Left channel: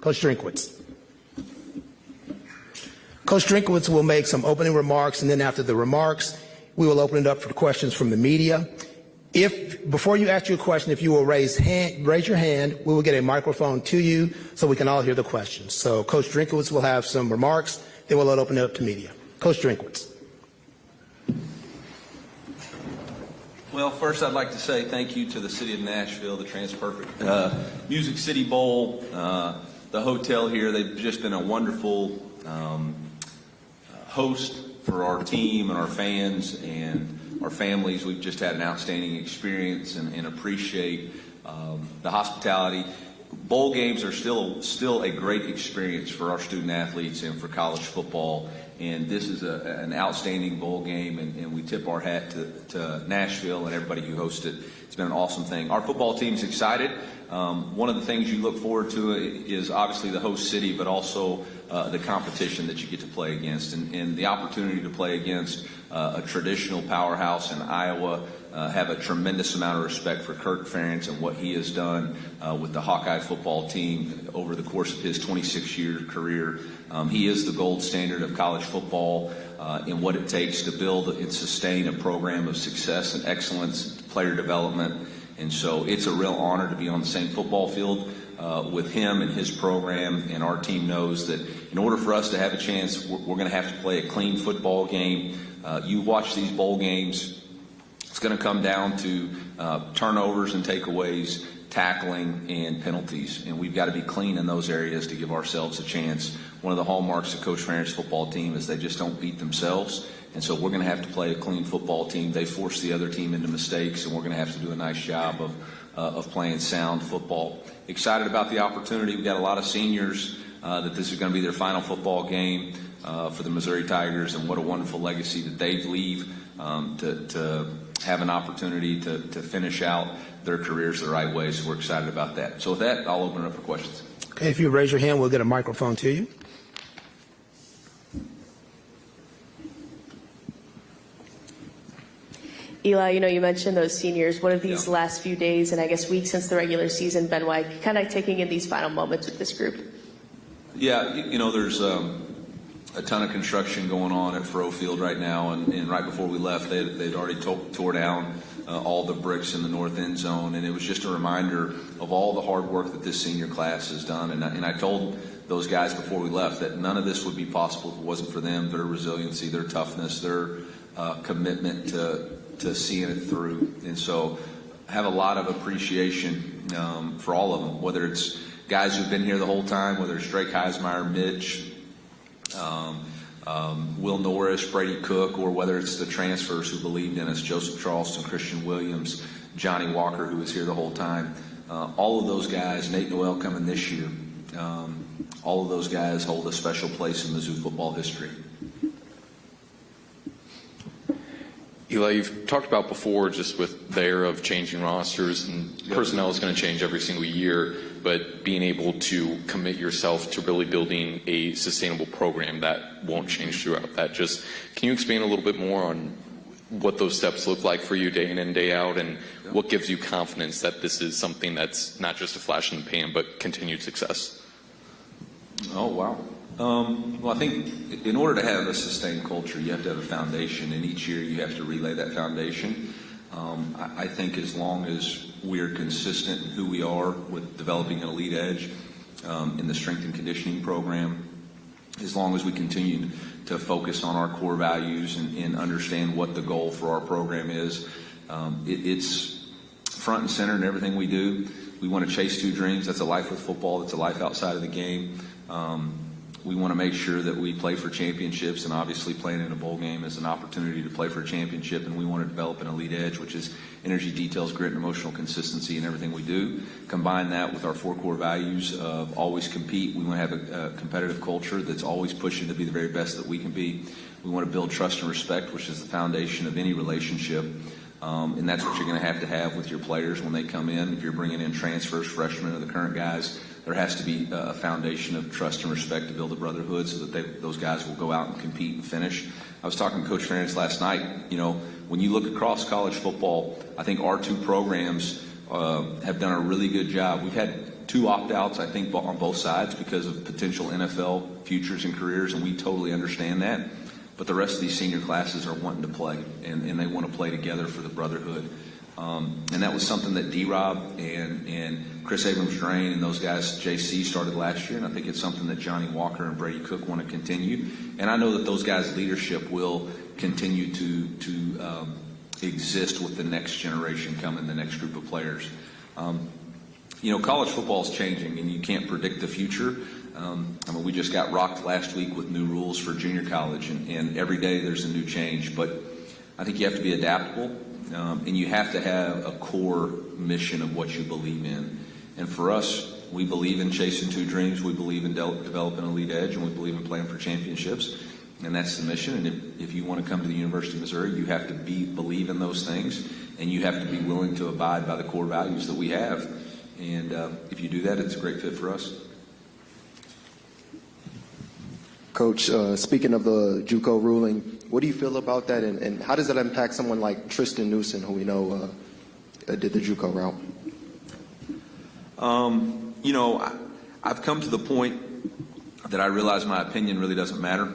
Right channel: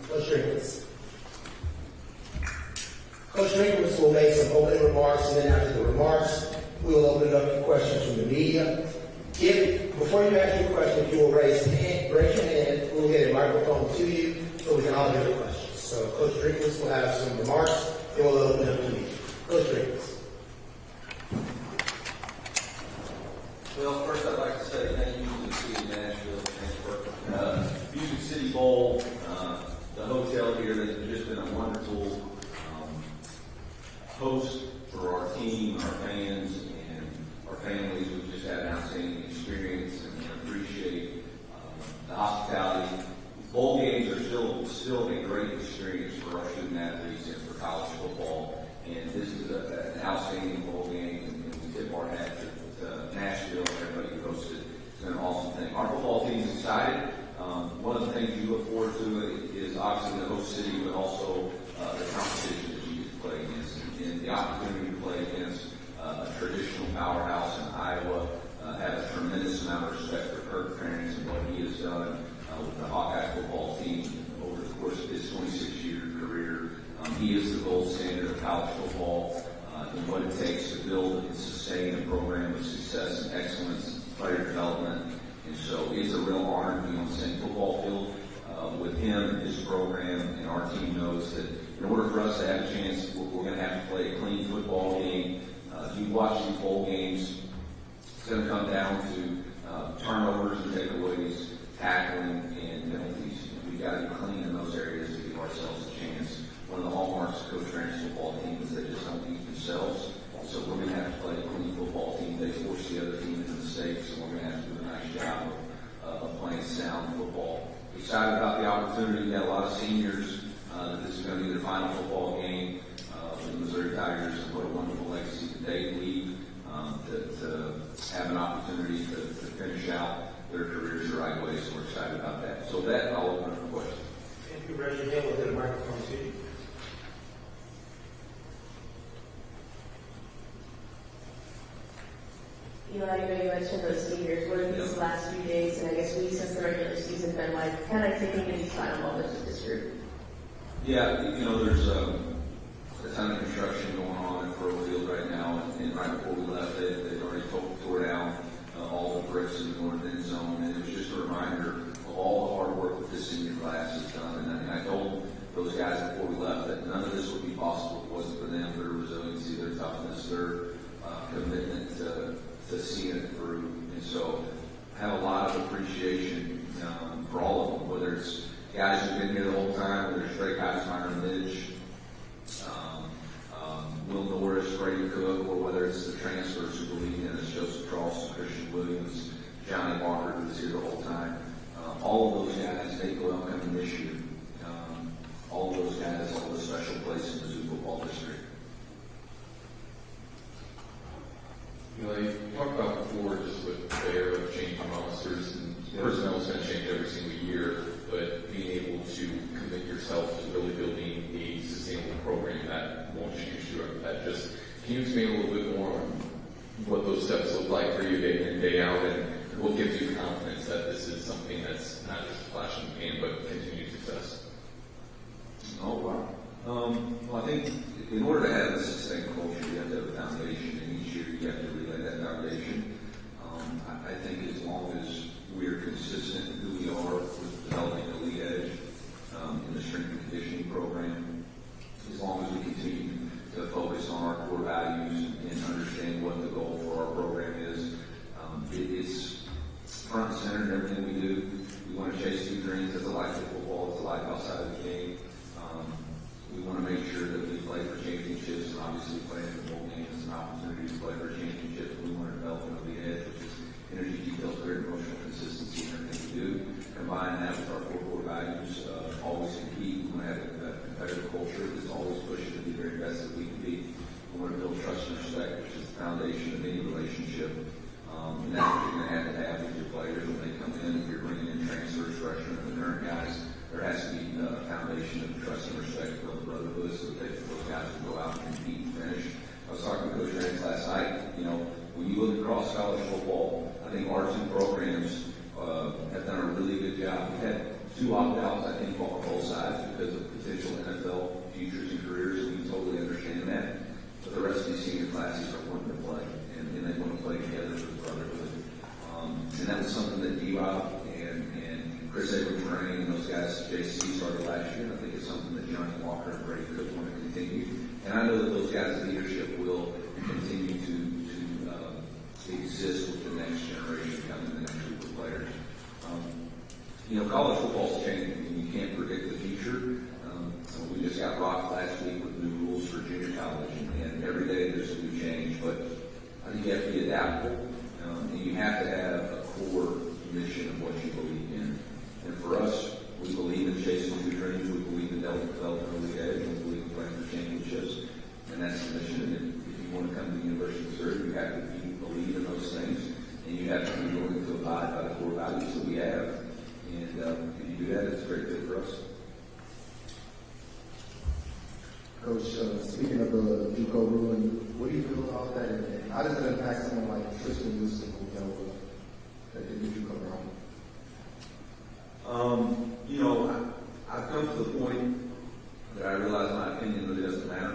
Coach Drinkwitz. Coach Drinkwitz will make some opening remarks, and then after the remarks, we will open it up for questions from the media. Before you ask your question, if you will raise your hand, we will get a microphone to you so we can all hear the questions. So Coach Drinkwitz will have some remarks, then we'll open it up to media. Coach Drinkwitz. Well, first I'd like to say thank you to the City of Nashville, the TransPerfect Music City Bowl, the hotel here. They've just been a wonderful host for our team and our fans and our families. We've just had an outstanding experience and appreciate the hospitality. Bowl games are still a great experience for our student athletes and for college football. And this is an outstanding bowl game, and we tip our hat to Nashville and everybody who hosted it. It's been an awesome thing. Our football team's excited. One of the things you look forward to is obviously the host city, but also the competition that you get to play against. And the opportunity to play against a traditional powerhouse in Iowa, have a tremendous amount of respect for Kirk Ferentz and what he has done with the Hawkeye football team over the course of his 26-year career. He is the gold standard of college football in what it takes to build and sustain a program of success and excellence, player development. And so it's a real honor to be on the same football field with him and his program. And our team knows that in order for us to have a chance, we're going to have to play a clean football game. You watch these bowl games, it's going to come down to turnovers and takeaways, tackling, and penalties. And we've got to be clean in those areas to give ourselves a chance. One of the hallmarks of Coach Ferentz football team is they just don't beat themselves. And so we're going to have to play a clean football team. They force the other team into mistakes, and we're going to have to do a nice job of playing sound football. Excited about the opportunity. We've got a lot of seniors that this is going to be their final football game for the Missouri Tigers, and what a wonderful legacy that they leave to have an opportunity to finish out their careers the right way. So we're excited about that. So with that, I'll open it up for questions. Okay, if you raise your hand, we'll get a microphone to you. Eli, you mentioned those seniors. What have these last few days and I guess weeks since the regular season been like, kind of taking in these final moments with this group? Yeah, there's a ton of construction going on at Faroe Field right now, and right before we left, they'd already tore down all the bricks in the north end zone, and it was just a reminder of all the hard work that this senior class has done. And I told those guys before we left that none of this would be possible if it wasn't for them, their resiliency, their toughness, their commitment to seeing it through. And so I have a lot of appreciation for all of them, whether it's guys who've been here the whole time, whether it's Drake Heismeyer, Mitch, Will Norris, Brady Cook, or whether it's the transfers who believed in us, Joseph Charleston, Christian Williams, Johnny Walker, who was here the whole time. All of those guys, Nate Noel coming this year, all of those guys hold a special place in Mizzou football history. Eli, you've talked about before just with the era of changing rosters, and personnel is going to change every single year, but being able to commit yourself to really building a sustainable program that won't change throughout that. Just, can you expand a little bit more on what those steps look like for you day in and day out, and what gives you confidence that this is something that's not just a flash in the pan, but continued success? Oh, wow. Well, I think in order to have a sustained culture, you have to have a foundation, and each year you have to relay that foundation. I think as long as we are consistent in who we are with developing an elite edge in the strength and conditioning program, as long as we continue to focus on our core values and understand what the goal for our program is, it's front and center in everything we do. We want to chase two dreams. That's a life with football. That's a life outside of the game. We want to make sure that we play for championships, and obviously playing in a bowl game is an opportunity to play for a championship, and we want to develop an elite edge, which is energy, details, grit, and emotional consistency in everything we do. Combine that with our four core values of always compete. We want to have a competitive culture that's always pushing to be the very best that we can be. We want to build trust and respect, which is the foundation of any relationship. And that's what you're going to have with your players when they come in. If you're bringing in transfers, freshmen, or the current guys, there has to be a foundation of trust and respect to build a brotherhood so that those guys will go out and compete and finish. I was talking to Coach Ferentz last night. When you look across college football, I think our two programs have done a really good job. We've had 2 opt-outs, I think, on both sides because of potential NFL futures and careers, and we totally understand that. But the rest of these senior classes are wanting to play, and they want to play together for the brotherhood. And that was something that D-Rob and Chris Abrams-Drain and those guys, JC, started last year, and I think it's something that Johnny Walker and Brady Cook want to continue. And I know that those guys' leadership will continue to exist with the next generation coming, the next group of players. College football is changing, and you can't predict the future. We just got rocked last week with new rules for junior college, and every day there's a new change. But I think you have to be adaptable, and you have to have a core mission of what you believe in. And for us, we believe in chasing 2 dreams. We believe in developing an elite edge, and we believe in playing for championships. And that's the mission. And if you want to come to the University of Missouri, you have to believe in those things, and you have to be willing to abide by the core values that we have. And if you do that, it's a great fit for us. Coach, speaking of the JUCO ruling, what do you feel about that, and how does it impact someone like Tristan Newsom, who we know did the JUCO route? I've come to the point that I realize my opinion really doesn't matter.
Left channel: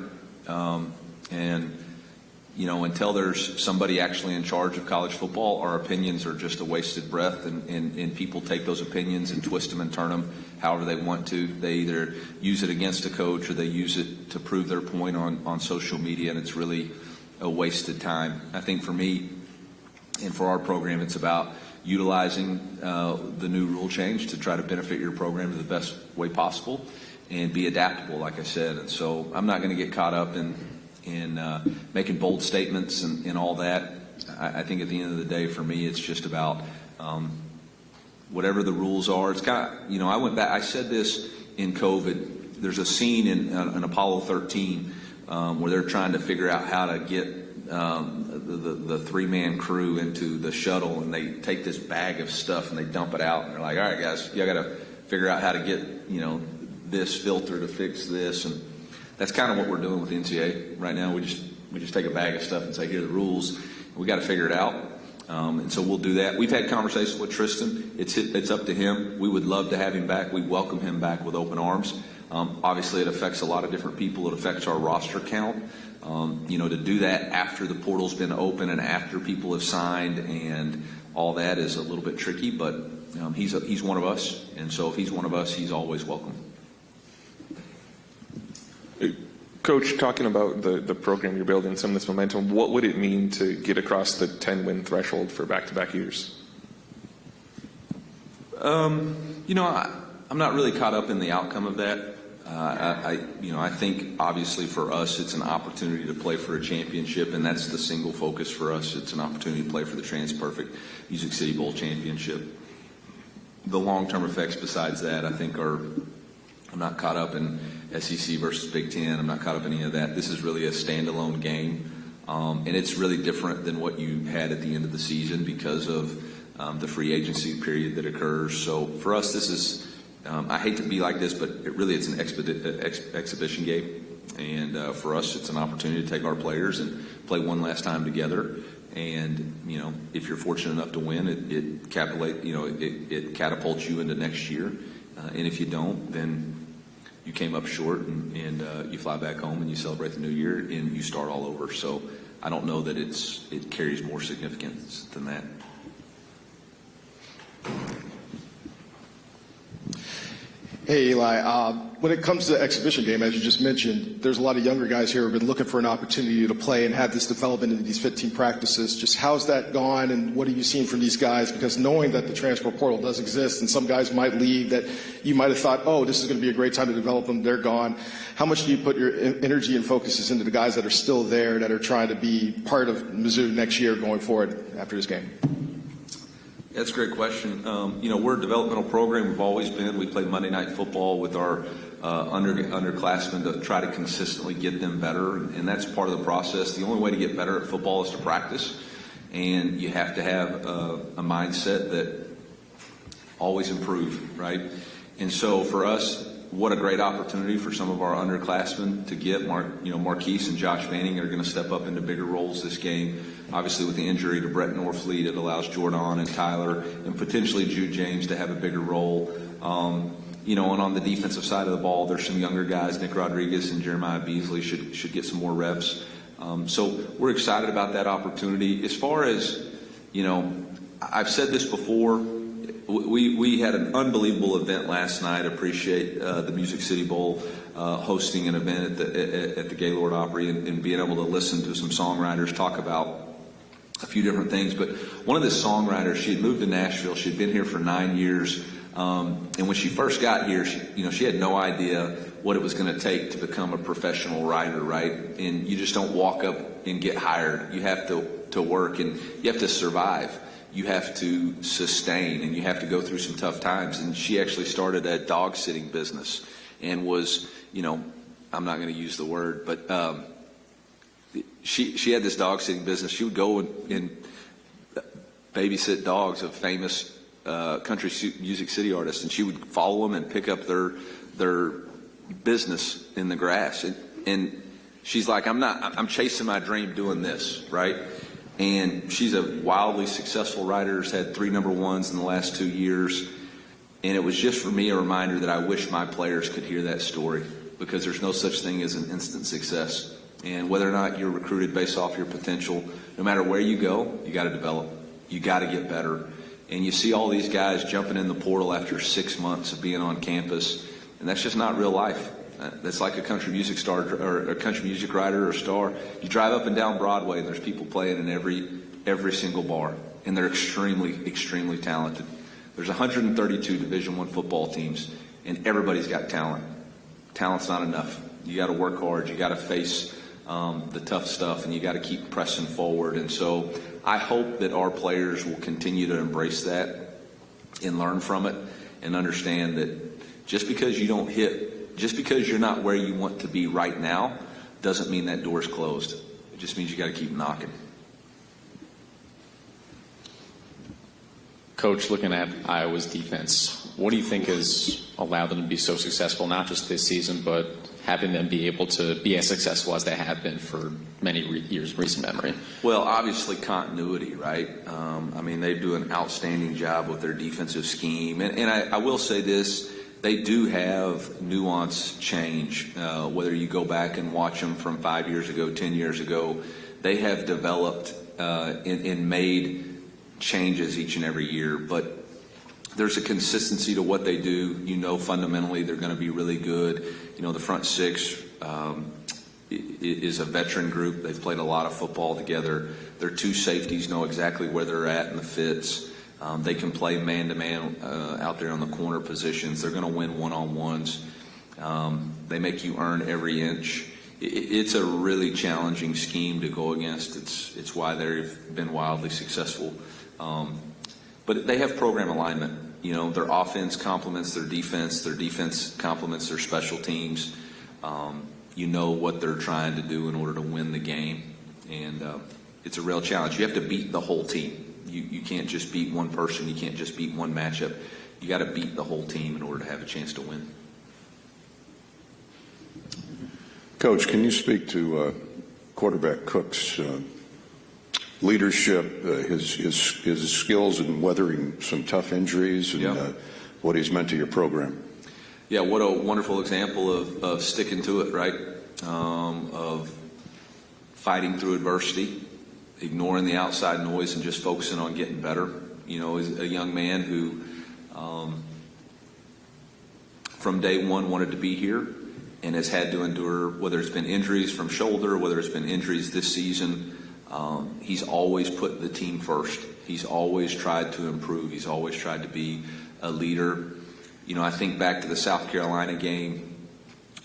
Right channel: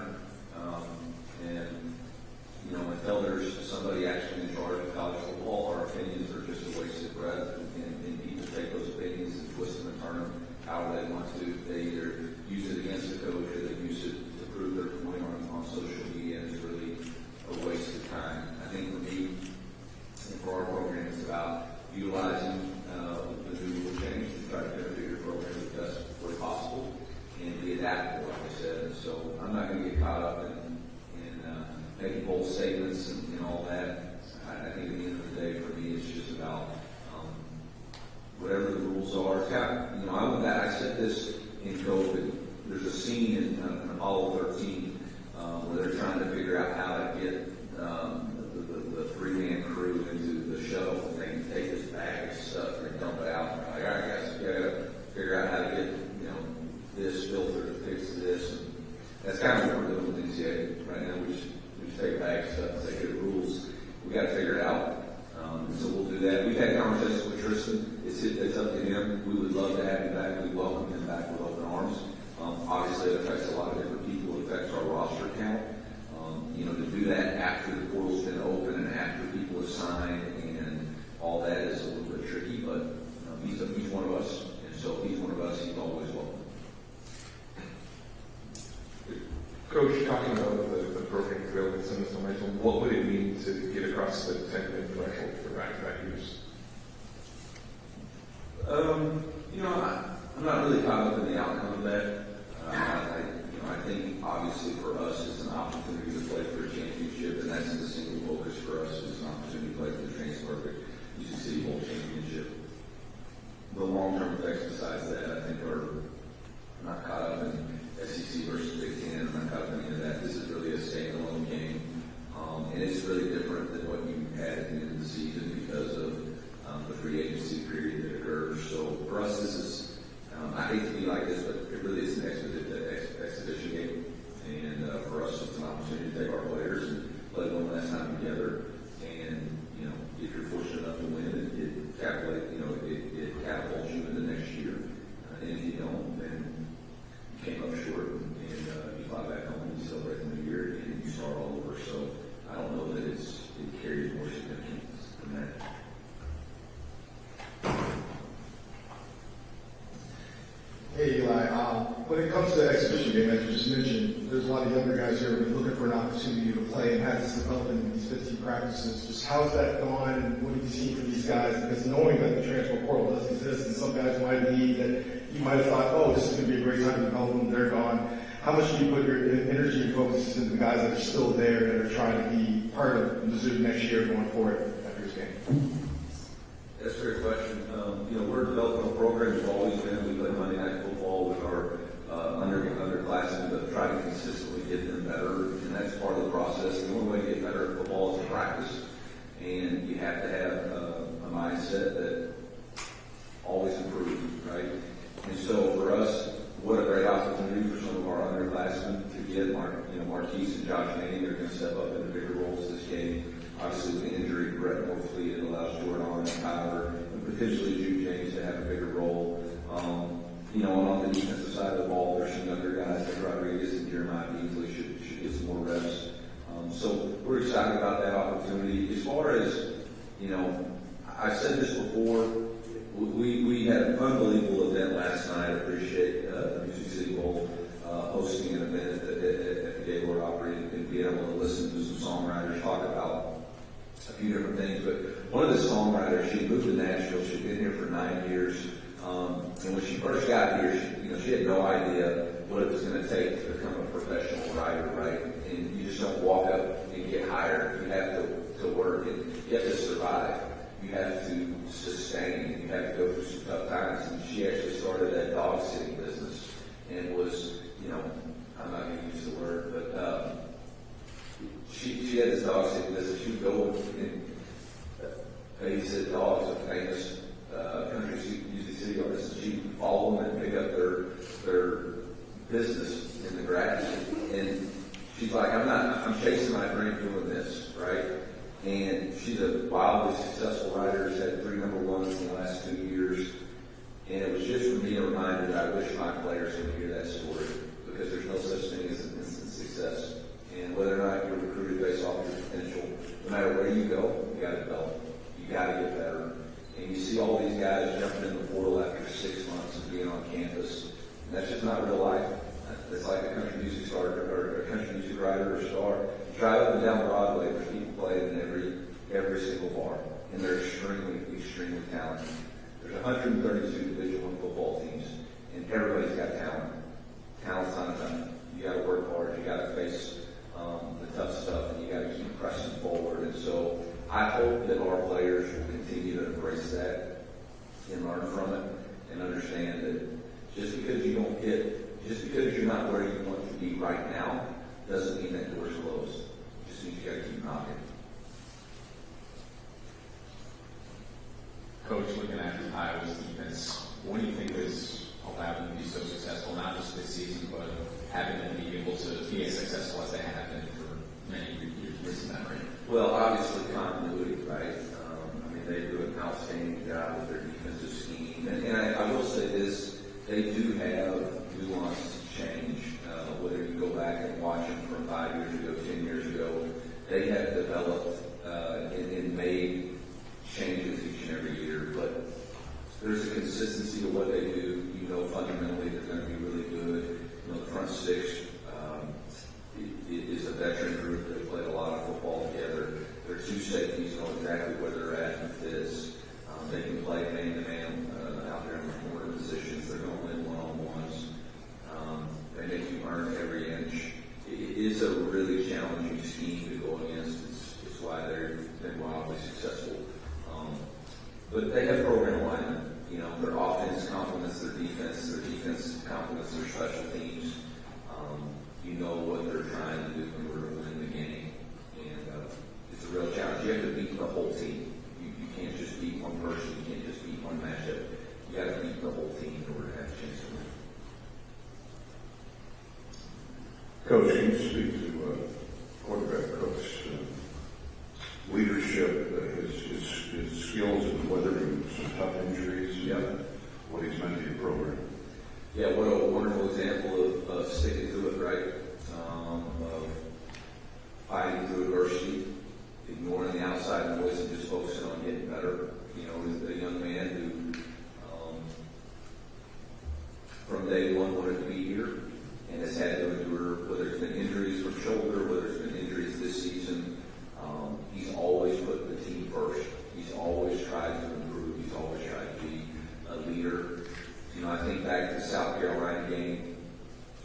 Until there's somebody actually in charge of college football, our opinions are just a wasted breath, and people take those opinions and twist them and turn them however they want to. They either use it against a coach or they use it to prove their point on social media, and it's really a wasted time. I think for me and for our program, it's about utilizing the new rule change to try to benefit your program in the best way possible and be adaptable, like I said. And so I'm not going to get caught up in making bold statements and all that. I think at the end of the day, for me, it's just about whatever the rules are. It's kind of, I went back, I said this in COVID. There's a scene in Apollo 13 where they're trying to figure out how to get the 3-man crew into the shuttle, and they take this bag of stuff and they dump it out. And they're like, all right, guys, you got to figure out how to get, this filter to fix this. And that's kind of what we're doing with the NCAA right now. We just take a bag of stuff and say, here are the rules. We got to figure it out. And so we'll do that. We've had conversations with Tristan. It's up to him. We would love to have him back. We welcome him back with open arms. Obviously, it affects a lot of different people. It affects our roster count. To do that after the portal's been open and after people have signed and all that is a little bit tricky. But he's one of us, and so if he's one of us, he's always welcome. Coach, talking about the program you're building, some of this momentum, what would it mean to get across the 10-win threshold for back-to-back years? I'm not really caught up in the outcome of that. I think obviously for us it's an opportunity to play for a championship, and that's the single focus for us. It's an opportunity to play for the TransPerfect Music City Bowl championship. The long-term effects besides that, I think, I'm not caught up in SEC versus Big Ten. I'm not caught up in any of that. This is really a standalone game, and it's really different than what you had at the end of the season because of the free agency period that occurs. So for us, this is, I hate to be like this, but it's an exhibition game. And for us, it's an opportunity to take our players and play one last time together. And, if you're fortunate enough to win, it catapults you into next year. And if you don't, then you came up short, and you fly back home and you celebrate the new year and you start all over. So I don't know that it carries more significance than that. Hey, Eli. When it comes to the exhibition game, as you just mentioned, there's a lot of younger guys here who have been looking for an opportunity to play and have this development into these 15 practices. Just how's that gone, and what have you seen from these guys? Because knowing that the transfer portal does exist and some guys might leave that you might have thought, oh, this is going to be a great time to develop them, they're gone. How much do you put your energy and focuses into the guys that are still there, that are trying to be part of Missouri next year going forward after this game? That's a great question. We're a developmental program. We've always been. We play Monday Night Football with our underclassmen to try to consistently get them better, and that's part of the process. The only way to get better at football is to practice, and you have to have a mindset that always improve, right? And so for us, what a great opportunity for some of our underclassmen to get. Marquise and Josh Manning are going to step up into bigger roles this game. Obviously, with the injury to Brett Norfleet, it allows Jordan and Tyler and potentially Jude James to have a bigger role. You know, and on the defensive side of the ball, there's some younger guys. Nick Rodriguez and Jeremiah Beasley should get some more reps. So we're excited about that opportunity. As far as, you know, I've said this before. We had an unbelievable event last night. I appreciate the Music City Bowl hosting an event at the Gaylord Opry and being able to listen to some songwriters talk about a few different things. But one of the songwriters, she had moved to Nashville. She'd been here for 9 years. And when she first got here, she had no idea what it was going to take to become a professional writer, right? And you just don't walk up and get hired. You have to work, and you have to survive. You have to sustain, and you have to go through some tough times. And she actually started a dog sitting business and was, you know, I'm not going to use the word, but she had this dog sitting business. She would go and babysit dogs of famous country music city artists, and she would follow them and pick up their business in the grass. And she's like, I'm chasing my dream doing this, right? And she's a wildly successful writer, has had 3 number ones in the last 2 years. And it was just for me a reminder that I wish my players could hear that story, because there's no such thing as an instant success. And whether or not you're recruited based off your potential, no matter where you go, you got to develop. You got to get better. And you see all these guys jumping in the portal after 6 months of being on campus, and that's just not real life. That's like a country music star or a country music writer or star. You drive up and down Broadway, there's people playing in every single bar, and they're extremely, extremely talented. There's 132 Division I football teams, and everybody's got talent. Talent's not enough. You got to work hard. You got to face the tough stuff, and you got to keep pressing forward. And so I hope that our players will continue to embrace that and learn from it and understand that just because you don't hit, just because you're not where you want to be right now, doesn't mean that door's closed. It just means you got to keep knocking. Coach, looking at Iowa's defense, what do you think has allowed them to be so successful, not just this season, but having them be able to be as successful as they have been for many years, recent memory? Well, obviously continuity, right? I mean, they do an outstanding job with their defensive scheme. And I will say this, they do have nuance change. Whether you go back and watch them from 5 years ago, 10 years ago, they have developed and made changes each and every year. But there's a consistency to what they do. You know, fundamentally, they're going to be really good. You know, the front six is a veteran group. They've played a lot of football together. Their 2 safeties know exactly where they're at in the fits. They can play man-to-man out there on the corner positions. They're going to win one-on-ones. They make you earn every inch. It's a really challenging scheme to go against. It's why they've been wildly successful. But they have program alignment. You know, their offense complements their defense complements their special teams. You know what they're trying to do in order to win the game, and it's a real challenge. You have to beat the whole team. You can't just beat one person. You can't just beat one matchup. You got to beat the whole team in order to have a chance to win. Coach, can you speak to quarterback Cook's leadership, his skills in weathering some tough injuries, and what he's meant to your program? Yeah, what a wonderful example of sticking to it, right? Of fighting through adversity, ignoring the outside noise, and just focusing on getting better. You know, as a young man who, from day one, wanted to be here and has had to endure, whether it's been injuries from shoulder, whether it's been injuries this season. He's always put the team first. He's always tried to improve. He's always tried to be a leader. You know, I think back to the South Carolina game,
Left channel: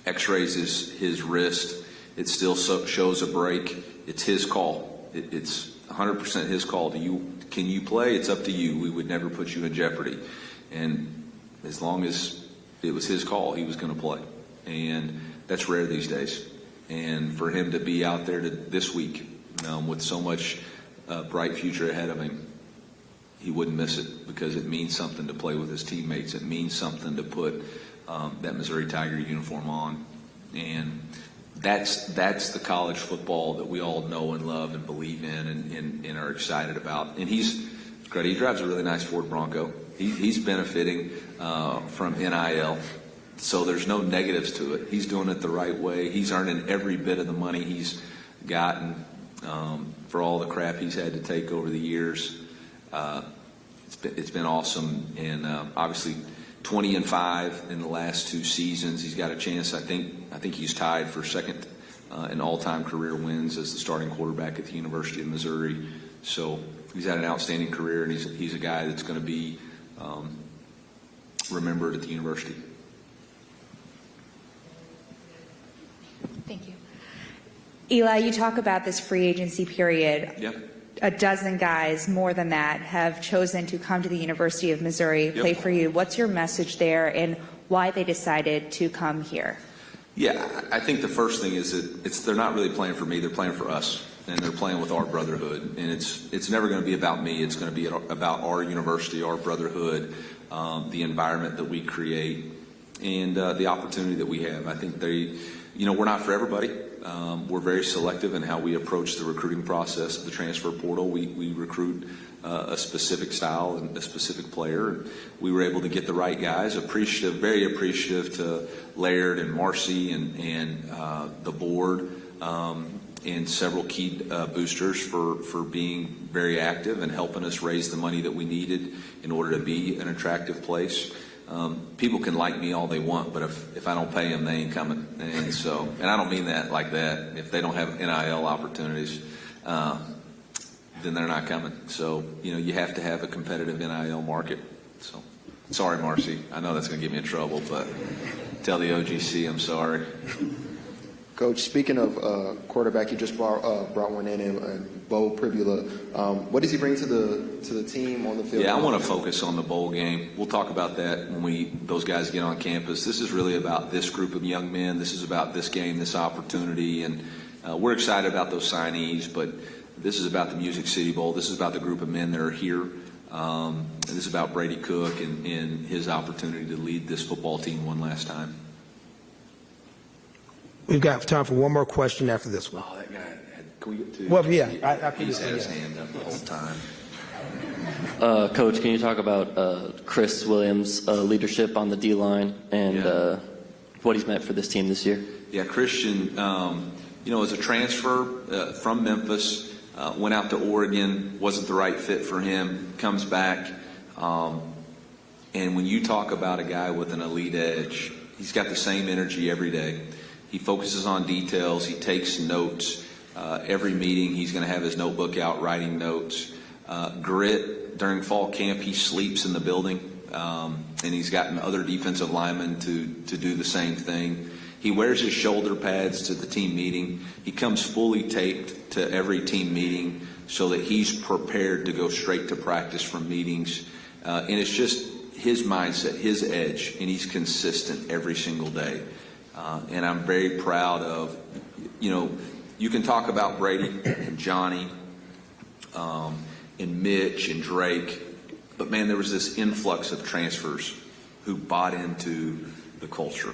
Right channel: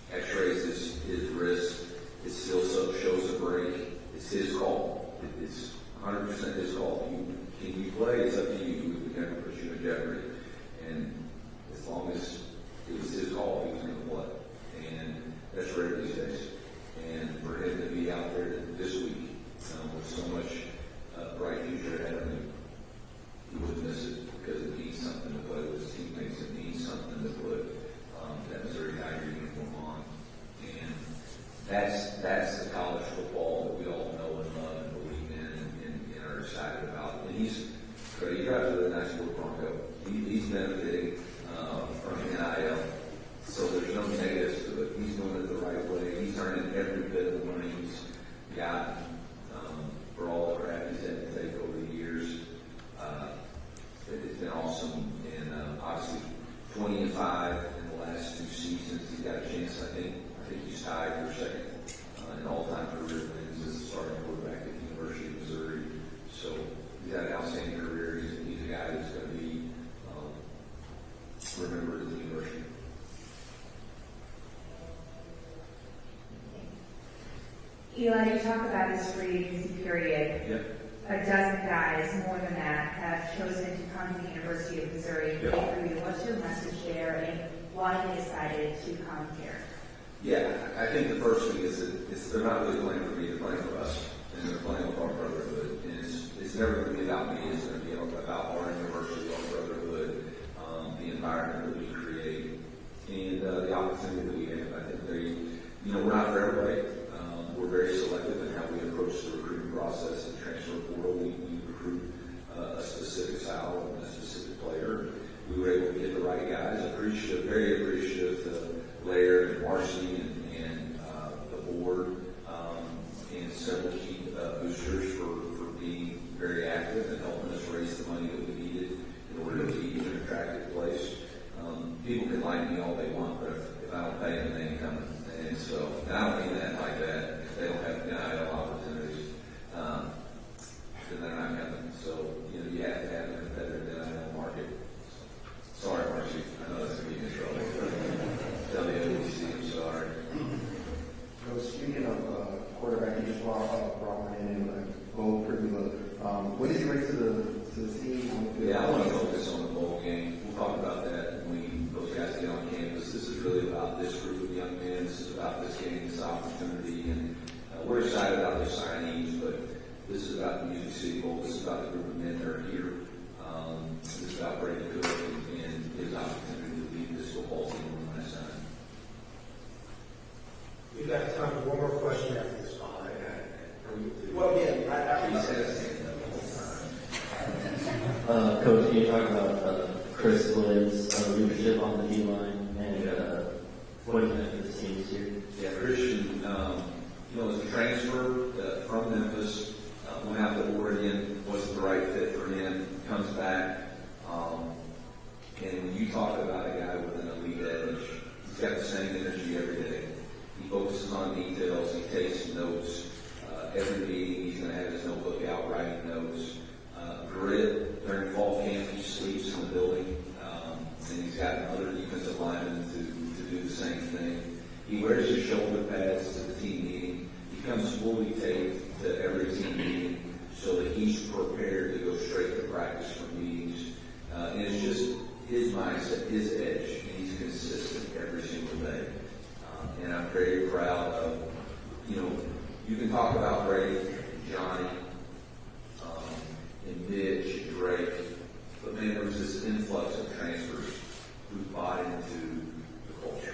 x-rays his wrist. It still shows a break. It's his call. It's 100% his call. Can you play? It's up to you. We would never put you in jeopardy. And as long as it was his call, he was going to play. And that's rare these days. And for him to be out there this week with so much bright future ahead of him, he wouldn't miss it, because it means something to play with his teammates. It means something to put that Missouri Tiger uniform on. And that's the college football that we all know and love and believe in and are excited about. And he's He drives a really nice Ford Bronco. He's benefiting from NIL, so there's no negatives to it. He's doing it the right way. He's earning every bit of the money he's gotten for all the crap he's had to take over the years. It's been awesome, and obviously 20-5 in the last 2 seasons. He's got a chance. I think he's tied for second in all-time career wins as the starting quarterback at the University of Missouri. So he's had an outstanding career, and he's a guy that's going to be remembered at the university. Thank you. Eli, you talk about this free agency period. Yep. A dozen guys, more than that, have chosen to come to the University of Missouri, play for you. What's your message there, and why they decided to come here? Yeah, I think the first thing is that they're not really playing for me, they're playing for us, and they're playing with our brotherhood. And it's never going to be about me, it's going to be about our university, our brotherhood, the environment that we create, and the opportunity that we have. I think we're not for everybody. We're very selective in how we approach the recruiting process of the transfer portal. We recruit a specific style and a specific player. We were able to get the right guys. Very appreciative to Laird and Marcy and the board and several key boosters for being very active and helping us raise the money that we needed in order to be an attractive place. People can like me all they want, but if I don't pay them, they ain't coming. And I don't mean that like that. If they don't have NIL opportunities, then they're not coming. So, you have to have a competitive NIL market. So, sorry, Marcy. I know that's going to get me in trouble, but tell the OGC I'm sorry. Coach, speaking of quarterback, you just brought one in, Bo Pribula. What does he bring to the team on the field? Yeah, I want to focus on the bowl game. We'll talk about that when those guys get on campus. This is really about this group of young men. This is about this game, this opportunity, and we're excited about those signees. But this is about the Music City Bowl. This is about the group of men that are here. This is about Brady Cook and his opportunity to lead this football team one last time. We've got time for one more question after this one. Oh, that guy. Can we get to? Well, yeah. He's had his hand up the whole time. Coach, can you talk about Chris Williams' leadership on the D-line and what he's meant for this team this year? Yeah, Christian, as a transfer from Memphis, went out to Oregon, wasn't the right fit for him, comes back, and when you talk about a guy with an elite edge, he's got the same energy every day. He focuses on details. He takes notes. Every meeting, he's going to have his notebook out writing notes. Grit, during fall camp, he sleeps in the building, and he's gotten other defensive linemen to do the same thing. He wears his shoulder pads to the team meeting. He comes fully taped to every team meeting so that he's prepared to go straight to practice from meetings. And it's just his mindset, his edge, and he's consistent every single day. And I'm very proud of, you can talk about Brady and Johnny and Mitch and Drake, but man, there was this influx of transfers who bought into the culture.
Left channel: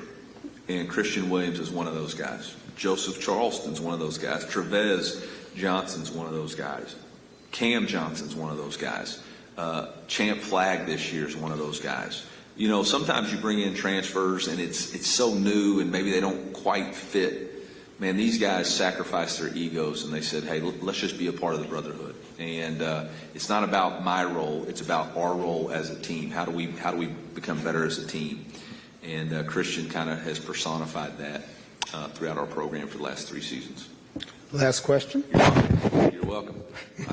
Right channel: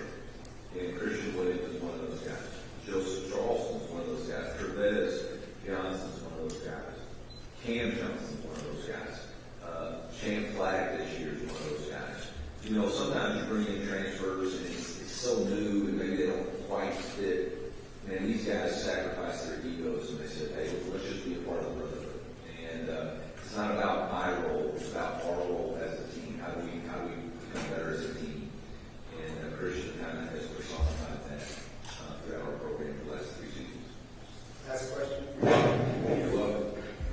And Christian Williams is one of those guys. Joseph Charleston's one of those guys. Trevez Johnson's one of those guys. Cam Johnson's one of those guys. Champ Flagg this year is one of those guys. Sometimes you bring in transfers and it's so new and maybe they don't quite fit. Man, these guys sacrificed their egos and they said, hey, let's just be a part of the brotherhood. And it's not about my role, it's about our role as a team. How do we become better as a team? And Christian kind of has personified that throughout our program for the last 3 seasons. Last question.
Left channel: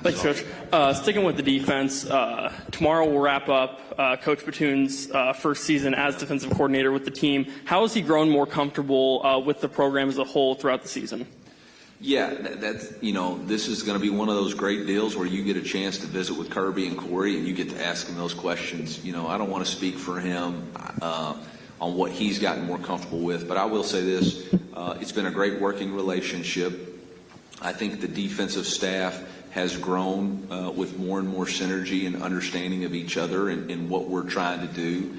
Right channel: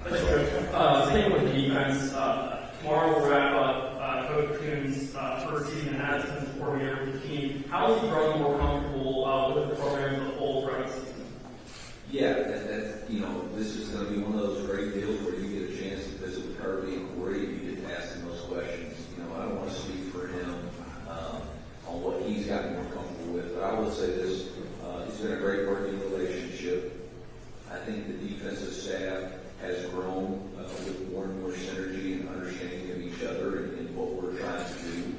Thanks, Coach. Sticking with the defense, tomorrow we'll wrap up Coach Batoon's first season as defensive coordinator with the team. How has he grown more comfortable with the program as a whole throughout the season? Yeah, this is going to be one of those great deals where you get a chance to visit with Kirby and Corey and you get to ask him those questions. I don't want to speak for him on what he's gotten more comfortable with, but I will say this. It's been a great working relationship. I think the defensive staff has grown with more and more synergy and understanding of each other and what we're trying to do.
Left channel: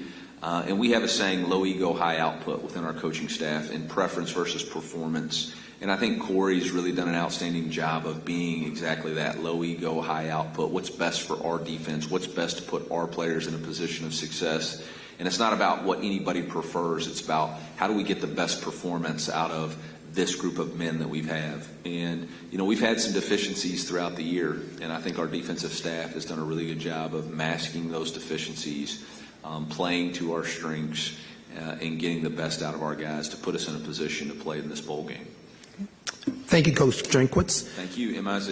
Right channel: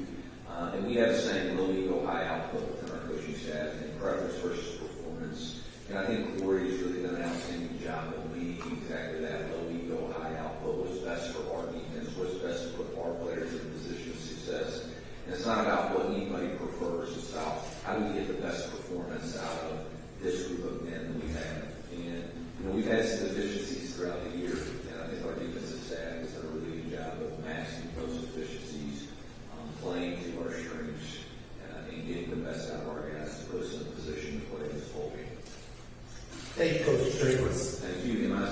And we have a saying, low ego, high output within our coaching staff, and preference versus performance. And I think Corey's really done an outstanding job of being exactly that, low ego, high output. What's best for our defense? What's best to put our players in a position of success? And it's not about what anybody prefers. It's about how do we get the best performance out of this group of men that we've had. And, you know, we've had some deficiencies throughout the year, and I think our defensive staff has done a really good job of masking those deficiencies, playing to our strengths, and getting the best out of our guys to put us in a position to play in this bowl game. Thank you, Coach Drinkwitz. Thank you, MIZ.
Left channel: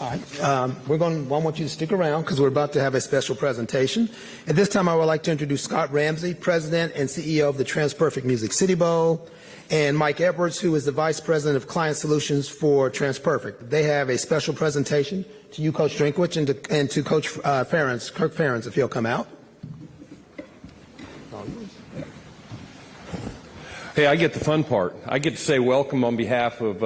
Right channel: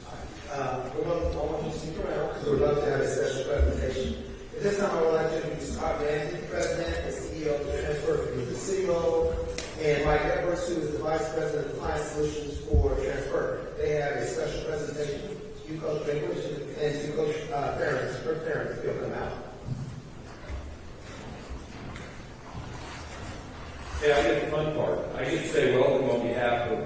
All right. I want you to stick around because we're about to have a special presentation. At this time, I would like to introduce Scott Ramsey, President and CEO of the TransPerfect Music City Bowl, and Mike Edwards, who is the Vice President of Client Solutions for TransPerfect. They have a special presentation to you, Coach Drinkwitz, and to Coach Ferentz, Kirk Ferentz, if he'll come out. Hey, I get the fun part. I get to say welcome on behalf of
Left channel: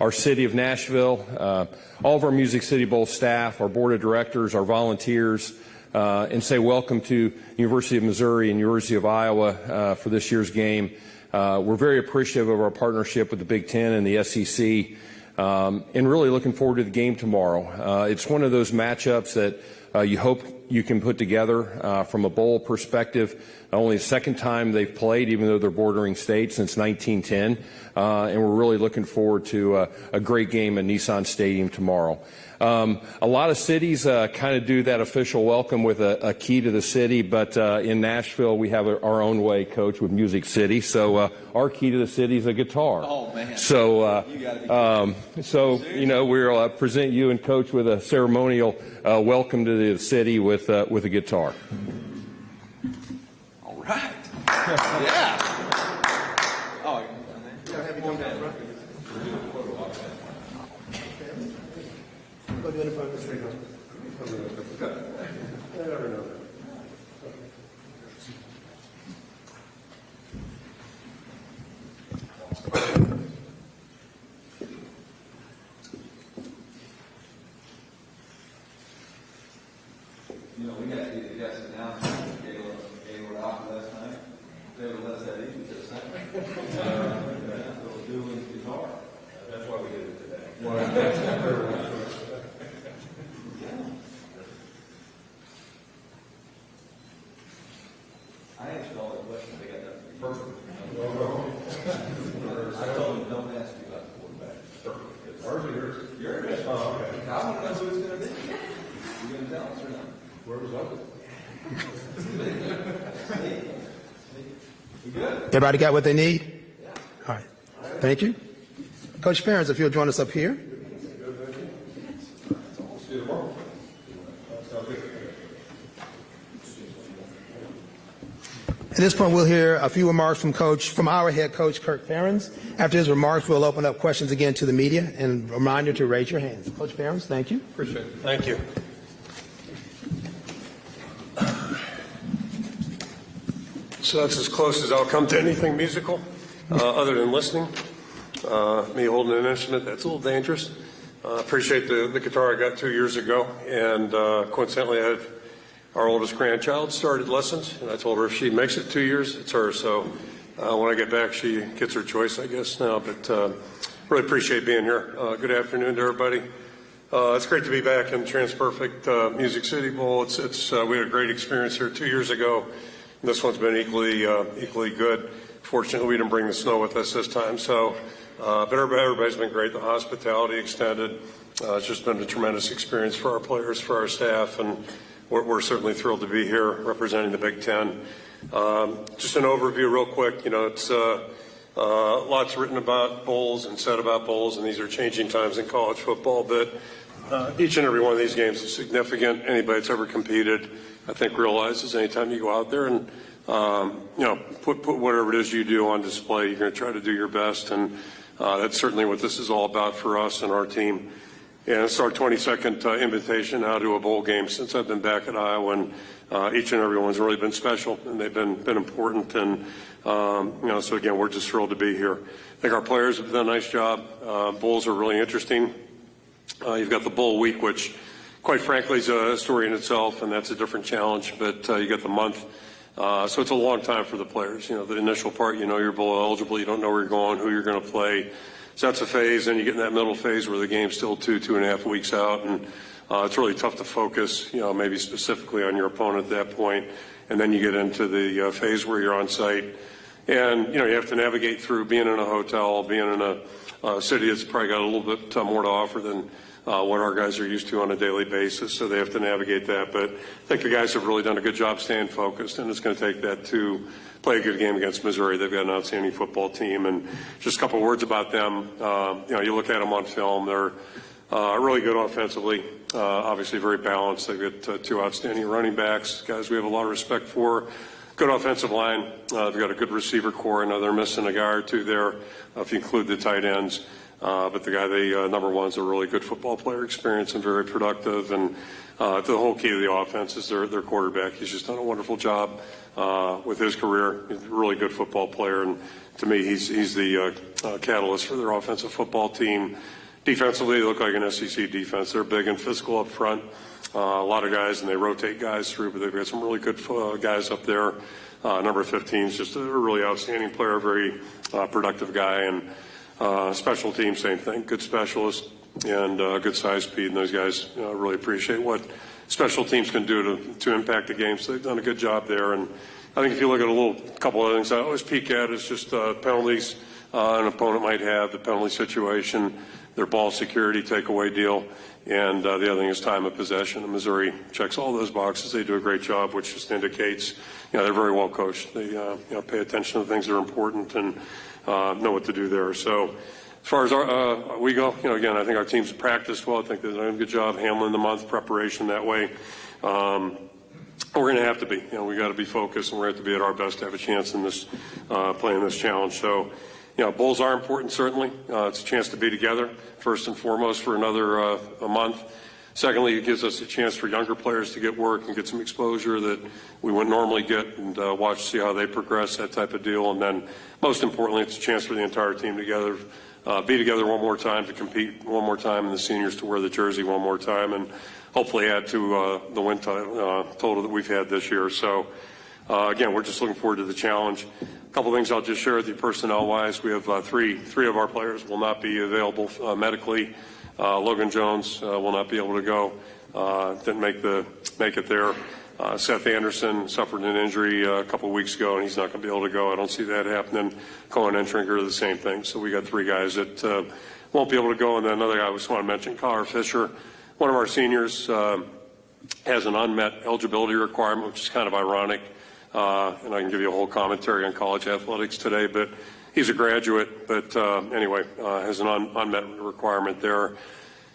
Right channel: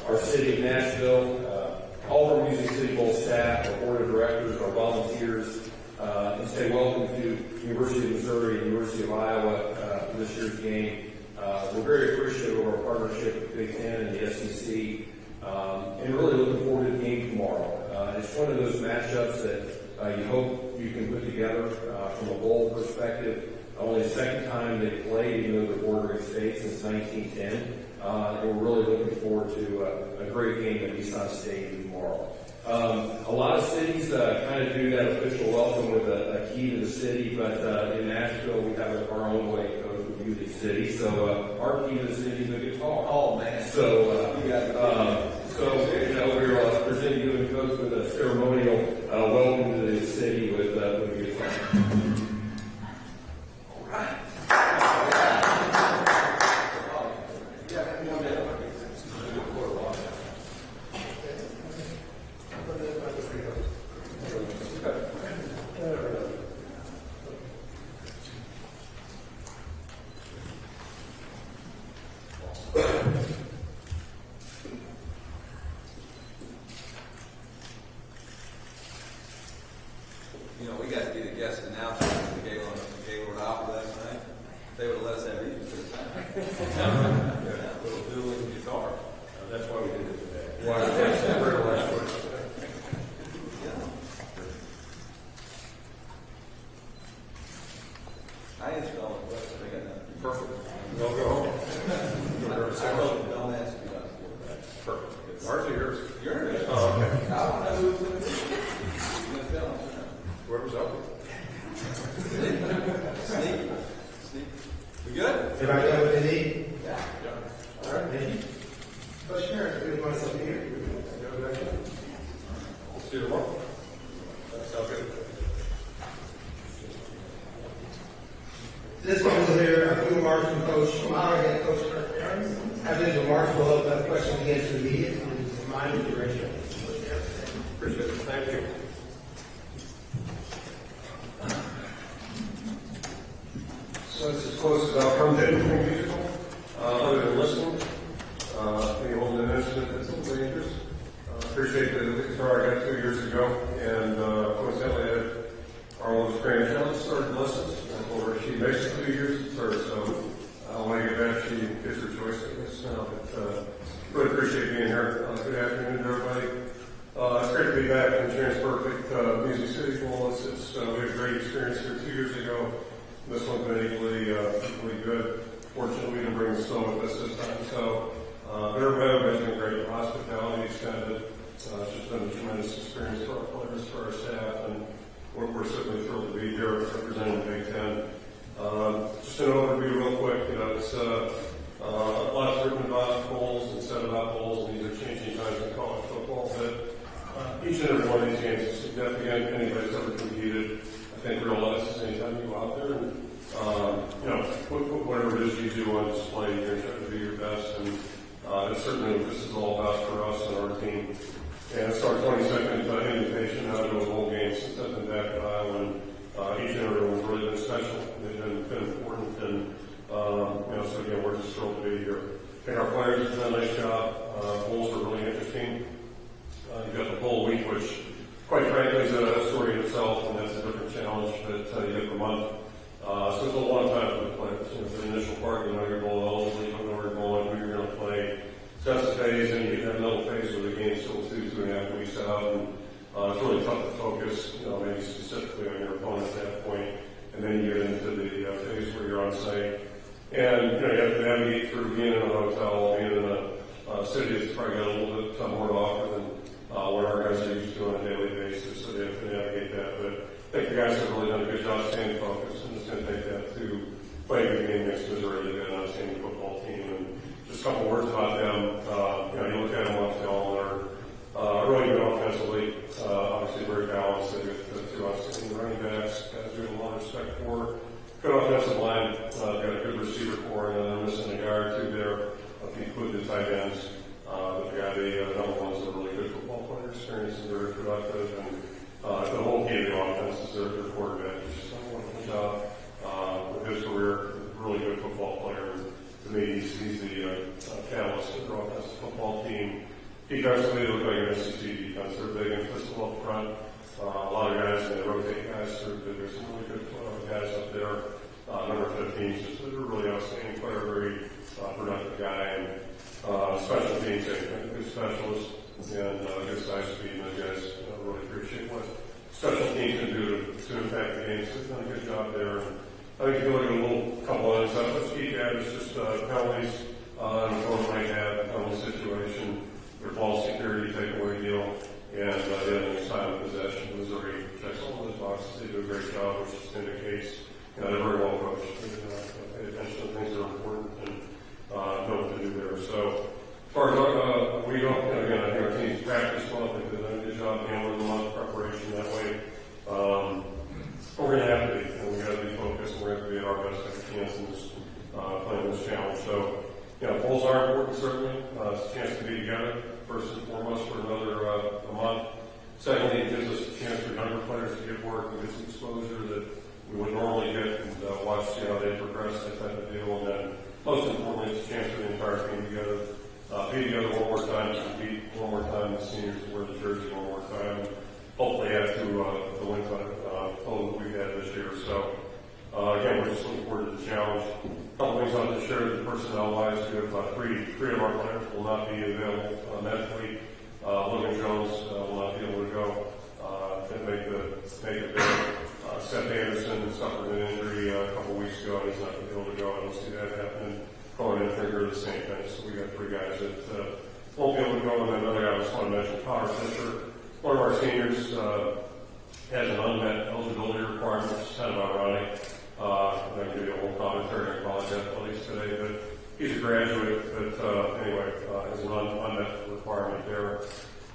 our city of Nashville, all of our Music City Bowl staff, our board of directors, our volunteers, and say welcome to University of Missouri and University of Iowa for this year's game. We're very appreciative of our partnership with the Big Ten and the SEC, and really looking forward to the game tomorrow. It's one of those matchups that you hope you can put together from a bowl perspective. Only the second time they've played, even though they're bordering states, since 1910. And we're really looking forward to a great game at Nissan Stadium tomorrow. A lot of cities kind of do that official welcome with a key to the city, but in Nashville we have our own way, Coach, with Music City. So our key to the city is a guitar. Oh, man. So you know, we'll present you and Coach with a ceremonial welcome to the city with a guitar. All right. You know, we got to be the guest announcers. We gave them an offer last night. They would have let us have even this time. Little dueling guitar. That's why we did it today. I ain't strong with questions. They got nothing. Perfect. Don't go home. I told them, don't ask me about the quarterback. Perfect. Ours or yours? Yours. Oh, okay. I don't know who it's going to be. You going to tell us or not? Whoever's up. Sneak. We good? Everybody got what they need? Yeah. All right. Thank you. Coach Ferentz, if you'll join us up here. See you tomorrow. Sounds good. At this point, we'll hear a few remarks from our head coach, Kirk Ferentz. After his remarks, we'll open up questions again to the media, and a reminder to raise your hand. Coach Ferentz, thank you. Appreciate it. Thank you. So that's as close as I'll come to anything musical, other than listening. Me holding an instrument, that's a little dangerous. Appreciate the guitar I got 2 years ago, and coincidentally I had our oldest grandchild started lessons, and I told her if she makes it 2 years, it's hers. So when I get back, she gets her choice, I guess, now. But really appreciate being here. Good afternoon to everybody. It's great to be back in TransPerfect Music City Bowl. We had a great experience here 2 years ago. This one's been equally good. Fortunately, we didn't bring the snow with us this time. So, but everybody's been great. The hospitality extended. It's just been a tremendous experience for our players, for our staff, and we're certainly thrilled to be here representing the Big Ten. Just an overview real quick. You know, it's lots written about bowls and said about bowls, and these are changing times in college football. But each and every one of these games is significant. Anybody that's ever competed, I think, realizes anytime you go out there and you know, put whatever it is you do on display, you're going to try to do your best, and that's certainly what this is all about for us and our team. And it's our 22nd invitation now to a bowl game since I've been back at Iowa, and each and every one's really been special, and they've been important, and you know, so again, we're just thrilled to be here. I think our players have done a nice job. Bowls are really interesting. You've got the bowl week, which quite frankly is a story in itself, and that's a different challenge, but you got the month So it's a long time for the players. You know, the initial part, you know you're bowl eligible, you don't know where you're going, who you're going to play. So that's a phase, and you get in that middle phase where the game's still 2.5 weeks out, and it's really tough to focus, you know, maybe specifically on your opponent at that point. And then you get into the phase where you're on site, and you know you have to navigate through being in a hotel, being in a city that's probably got a little bit more to offer than what our guys are used to on a daily basis. So they have to navigate that. But I think the guys have really done a good job staying focused, and it's going to take that to play a good game against Missouri. They've got an outstanding football team, and just a couple words about them. You know, you look at them on film; they're really good offensively. Obviously, very balanced. They've got two outstanding running backs, guys we have a lot of respect for. Good offensive line. They've got a good receiver core. Now they're missing a guy or two there, if you include the tight ends. But the guy number one is a really good football player, experienced and very productive. And the whole key to the offense is their quarterback. He's just done a wonderful job with his career. He's a really good football player, and to me, he's the catalyst for their offensive football team. Defensively, they look like an SEC defense. They're big and physical up front. A lot of guys, and they rotate guys through, but they've got some really good guys up there. Number 15 is just a really outstanding player, very productive guy. And special teams, same thing, good specialist and good size speed. And those guys really appreciate what special teams can do to impact the game. So they've done a good job there. And I think if you look at a couple of things I always peek at, it's just penalties an opponent might have, the penalty situation, their ball security takeaway deal, and the other thing is time of possession. And Missouri checks all those boxes. They do a great job, which just indicates they're very well coached. They pay attention to things that are important and know what to do there. So as far as we go, again, I think our team's practiced well. I think they've done a good job handling the month preparation that way. We're going to have to be. We got to be focused, and we're going to have to be at our best to have a chance in this playing this challenge. So. Bowls are important, certainly. It's a chance to be together, first and foremost, for another a month. Secondly, it gives us a chance for younger players to get work and get some exposure that we wouldn't normally get, and see how they progress, that type of deal. And then, most importantly, it's a chance for the entire team together, be together one more time, to compete one more time, and the seniors to wear the jersey one more time, and hopefully add to the win total that we've had this year. So, again, we're just looking forward to the challenge. A couple things I'll just share with you personnel-wise. We have three of our players will not be available medically. Logan Jones will not be able to go. Didn't make it there. Seth Anderson suffered an injury a couple of weeks ago, and he's not going to be able to go. I don't see that happening. Cohen and Trinker, the same thing. So we got three guys that won't be able to go. And then another guy I just want to mention, Connor Fisher, one of our seniors, has an unmet eligibility requirement, which is kind of ironic. And I can give you a whole commentary on college athletics today, but he's a graduate, but anyway, has an unmet requirement there.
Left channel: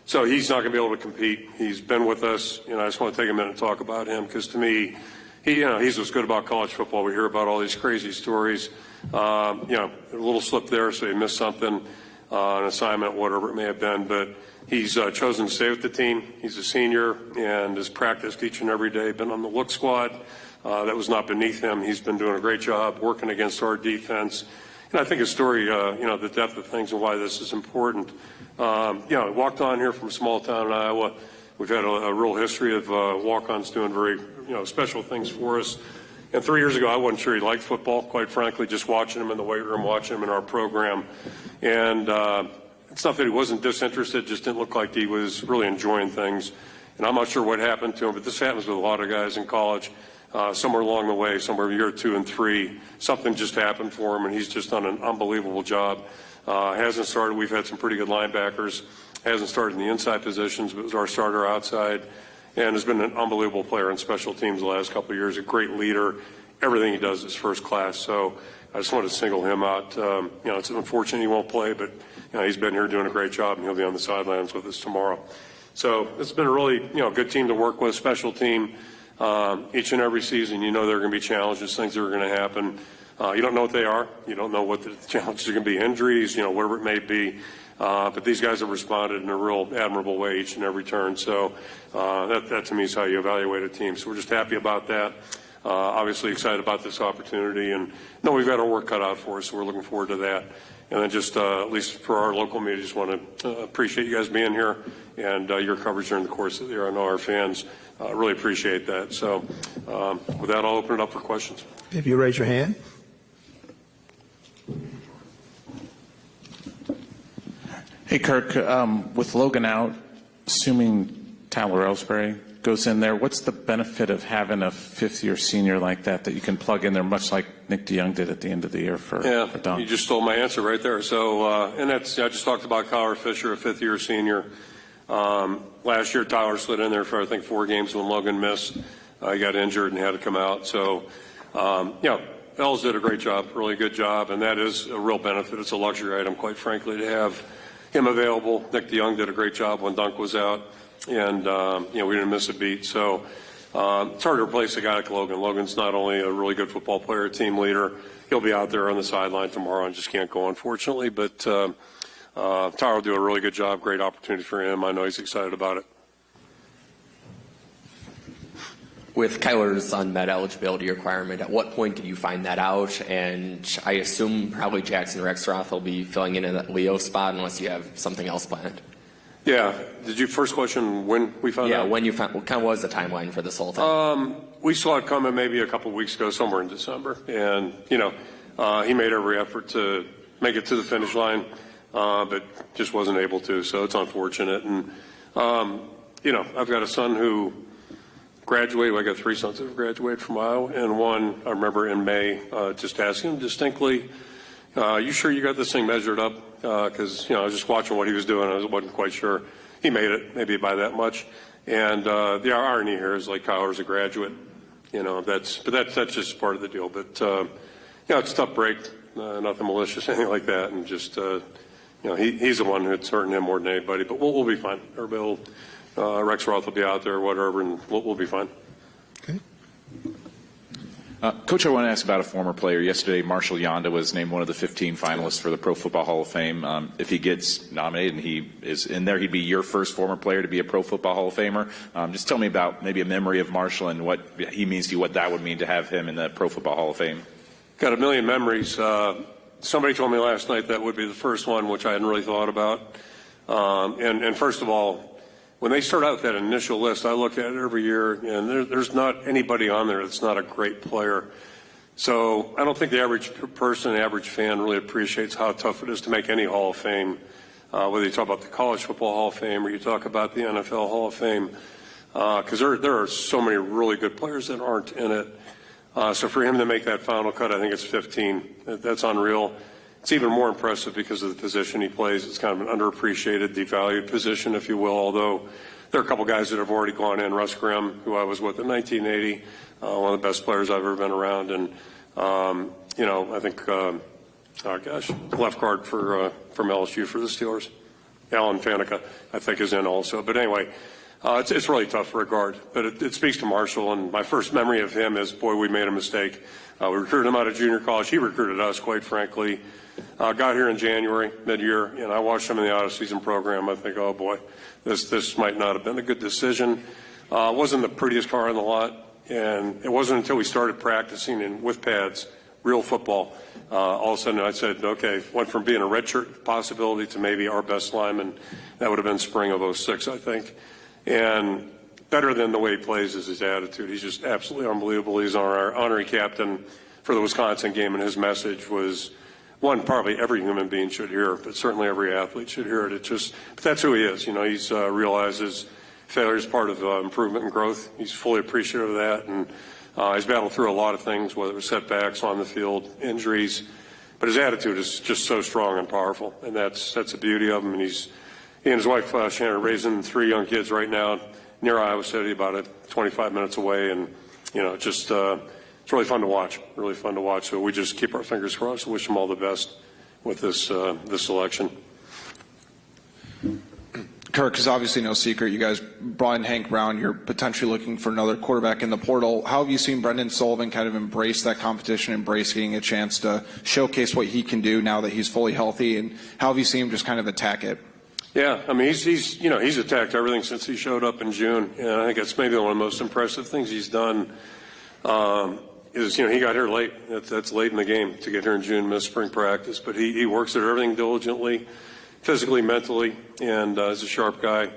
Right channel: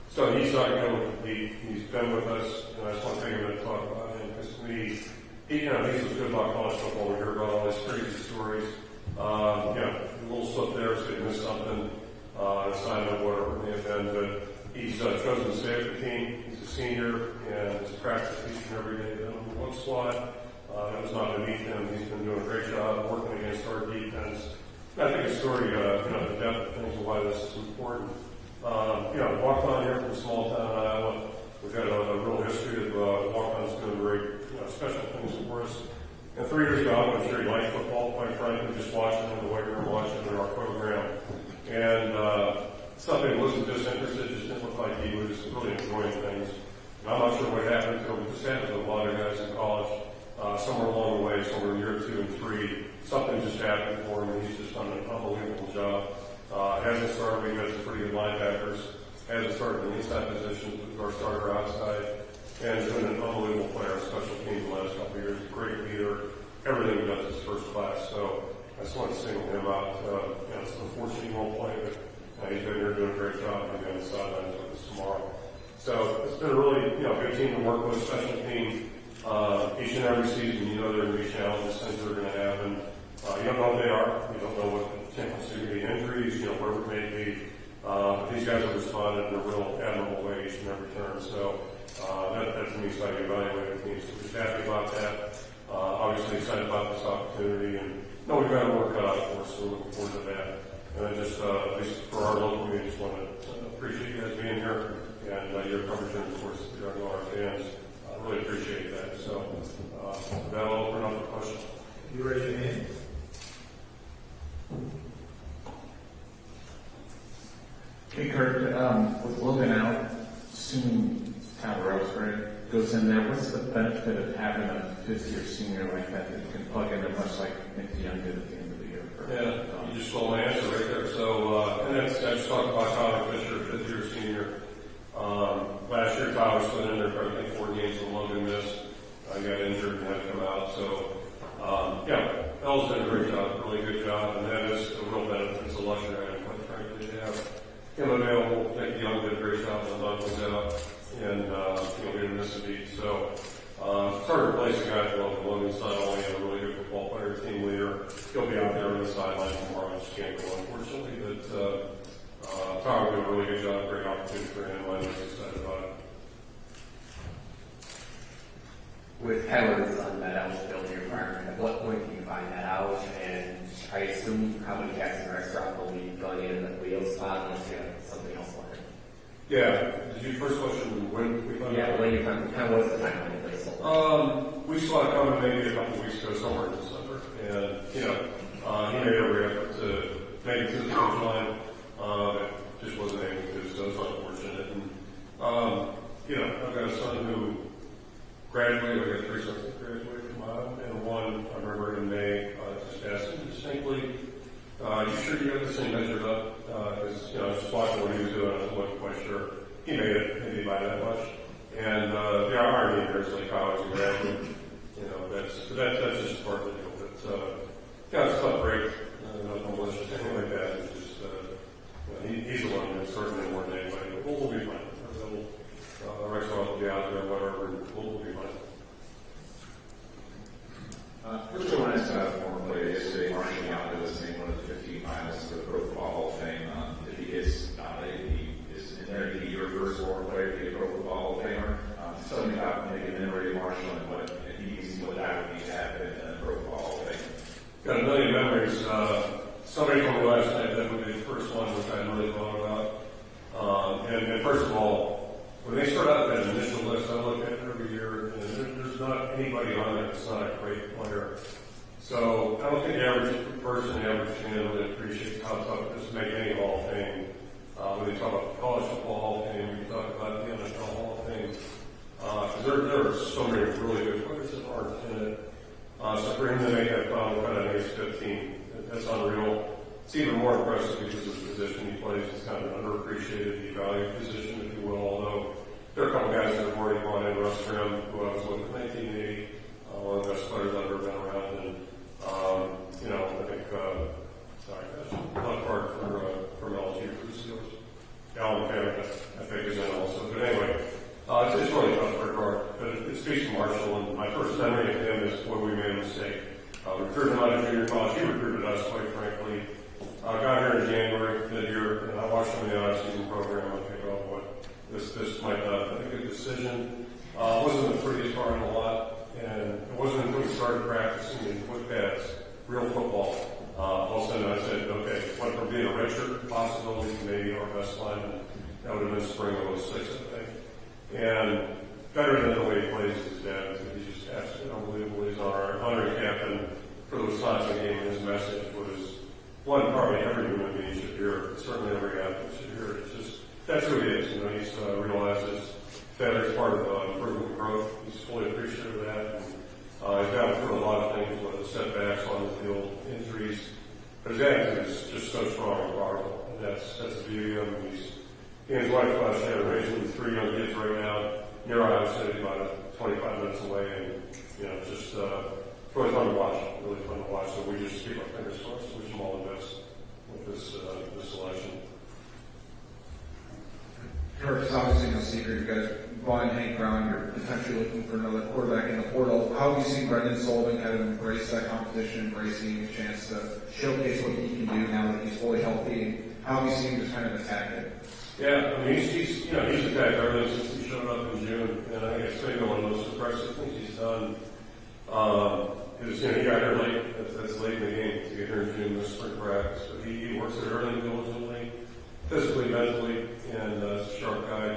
So he's not going to be able to compete. He's been with us, and I just want to take a minute to talk about him, because to me, he's what's good about college football. We hear about all these crazy stories. A little slip there, so he missed something, an assignment, whatever it may have been, but he's chosen to stay with the team. He's a senior and has practiced each and every day, been on the look squad. That was not beneath him. He's been doing a great job working against our defense. And I think his story, the depth of things and why this is important. Walked on here from a small town in Iowa. We've had a real history of walk-ons doing very, special things for us. And 3 years ago, I wasn't sure he liked football, quite frankly, just watching him in the weight room, watching him in our program. And it's not that he wasn't disinterested, just didn't look like he was really enjoying things. And I'm not sure what happened to him, but this happens with a lot of guys in college. Somewhere along the way, somewhere in year 2 and 3, something just happened for him, and he's just done an unbelievable job. Hasn't started. We've had some pretty good linebackers. Hasn't started in the inside positions, but was our starter outside, and has been an unbelievable player in special teams the last couple of years. A great leader. Everything he does is first class. So I just want to single him out. It's unfortunate he won't play, but he's been here doing a great job, and he'll be on the sidelines with us tomorrow. So it's been a really good team to work with. Special team. Each and every season, there are going to be challenges, things that are going to happen. You don't know what they are. You don't know what the challenges are going to be, injuries, whatever it may be. But these guys have responded in a real admirable way each and every turn. So that to me is how you evaluate a team. So we're just happy about that. Obviously excited about this opportunity, and know we've got our work cut out for us, so we're looking forward to that. And then just, at least for our local media, just want to appreciate you guys being here and your coverage during the course of the year. I know our fans really appreciate that. So with that, I'll open it up for questions. If you raise your hand. Hey, Kirk, with Logan out, assuming Tyler Ellsbury goes in there, what's the benefit of having a fifth-year senior like that you can plug in there, much like Nick DeYoung did at the end of the year for a dunk? You just stole my answer right there. So, and I just talked about Kyler Fisher, a fifth-year senior. Last year, Tyler slid in there for, I think, 4 games when Logan missed. He got injured and had to come out. So, Els did a great job, really good job, and that is a real benefit. It's a luxury item, quite frankly, to have him available. Nick DeYoung did a great job when Dunk was out, and we didn't miss a beat. So it's hard to replace a guy like Logan. Logan's not only a really good football player, team leader. He'll be out there on the sideline tomorrow and just can't go, unfortunately. But Tyler will do a really good job. Great opportunity for him. I know he's excited about it. With Kyler's unmet eligibility requirement, at what point did you find that out? And I assume probably Jackson Rexroth will be filling in that Leo spot unless you have something else planned. Yeah. Did you first question when we found out? Yeah, when you found, what kind of was the timeline for this whole thing? We saw it coming maybe a couple of weeks ago, somewhere in December. And, he made every effort to make it to the finish line, but just wasn't able to. So it's unfortunate. And, I've got a son who graduated. I got 3 sons that graduated from Iowa, and one I remember in May just asking him distinctly, "You sure you got this thing measured up?" Because I was just watching what he was doing. I wasn't quite sure. He made it, maybe by that much. And the irony here is, like, Kyler's a graduate. That's just part of the deal. But it's a tough break. Nothing malicious, anything like that, and just he's the one who's hurting him more than anybody. But we'll be fine. Everybody will. Rexroth will be out there, whatever, and we'll be fine. Okay. Coach, I want to ask about a former player. Yesterday, Marshall Yanda was named one of the 15 finalists for the Pro Football Hall of Fame. If he gets nominated and he is in there, he'd be your first former player to be a Pro Football Hall of Famer. Just tell me about maybe a memory of Marshall and what he means to you, what that would mean to have him in the Pro Football Hall of Fame. Got a million memories. Somebody told me last night that would be the first one, which I hadn't really thought about. And first of all, when they start out that initial list, I look at it every year, and there's not anybody on there that's not a great player. So I don't think the average person, the average fan really appreciates how tough it is to make any Hall of Fame, whether you talk about the College Football Hall of Fame or you talk about the NFL Hall of Fame, because there are so many really good players that aren't in it. So for him to make that final cut, I think it's 15. That's unreal. It's even more impressive because of the position he plays. It's kind of an underappreciated, devalued position, if you will, although there are a couple guys that have already gone in. Russ Grimm, who I was with in 1980, one of the best players I've ever been around. And, I think, left guard from LSU for the Steelers. Alan Faneca, I think, is in also. But anyway, it's really tough for a guard. But it speaks to Marshall, and my first memory of him is, boy, we made a mistake. We recruited him out of junior college. He recruited us, quite frankly. Got here in January, mid-year, and I watched him in the out-of-season program. I think, oh boy, this might not have been a good decision. Wasn't the prettiest car in the lot, and it wasn't until we started practicing with pads, real football, all of a sudden I said, okay, went from being a redshirt possibility to maybe our best lineman. That would have been spring of 06, I think. And better than the way he plays is his attitude. He's just absolutely unbelievable. He's our honorary captain for the Wisconsin game, and his message was one probably every human being should hear it, but certainly every athlete should hear it. But that's who he is. He's realizes failure is part of improvement and growth. He's fully appreciative of that, and he's battled through a lot of things, whether it was setbacks on the field, injuries, but his attitude is just so strong and powerful, and that's the beauty of him. And he and his wife Shannon are raising 3 young kids right now near Iowa City, about 25 minutes away, and it's really fun to watch. Really fun to watch. So we just keep our fingers crossed and wish them all the best with this selection. Kirk, is obviously no secret. You guys brought in Hank Brown. You're potentially looking for another quarterback in the portal. How have you seen Brendan Sullivan kind of embrace that competition, embrace getting a chance to showcase what he can do now that he's fully healthy? And how have you seen him just kind of attack it? Yeah, I mean, he's attacked everything since he showed up in June, and I think that's maybe one of the most impressive things he's done. He got here late. That's late in the game to get here in June, miss spring practice. But he works at everything diligently, physically, mentally, and is a sharp guy.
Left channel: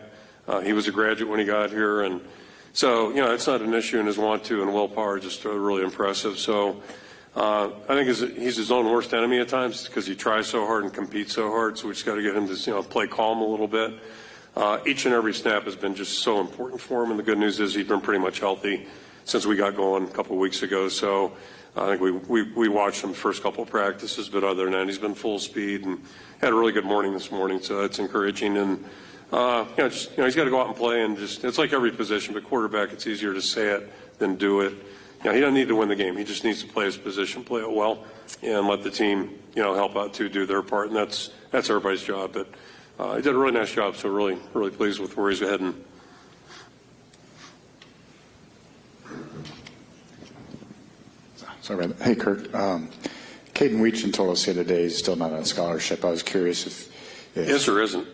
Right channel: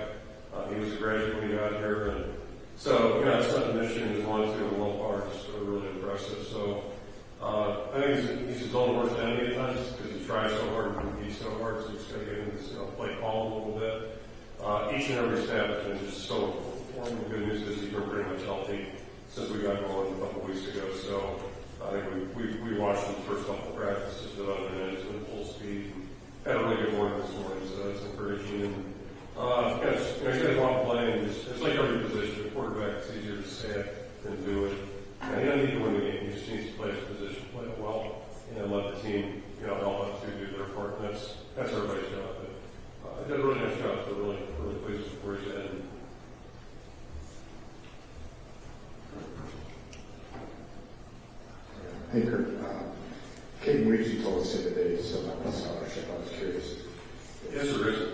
He was a graduate when he got here, and So, it's not an issue, and his want-to and willpower are just really impressive. So I think he's his own worst enemy at times because he tries so hard and competes so hard, so we just got to get him to play calm a little bit. Each and every snap has been just so important for him, and the good news is he's been pretty much healthy since we got going a couple of weeks ago. So I think we watched him the first couple of practices, but other than that, he's been full speed and had a really good morning this morning, so that's encouraging. And he's got to go out and play, and it's like every position. The quarterback, it's easier to say it than do it. He doesn't need to win the game. He just needs to play his position, play it well, and let the team, help out to do their part. And that's everybody's job. But he did a really nice job, so really, really pleased with where he's heading. Sorry, hey Kirk. Caden Weechin told us the other day he's still not on scholarship. I was curious if is or isn't.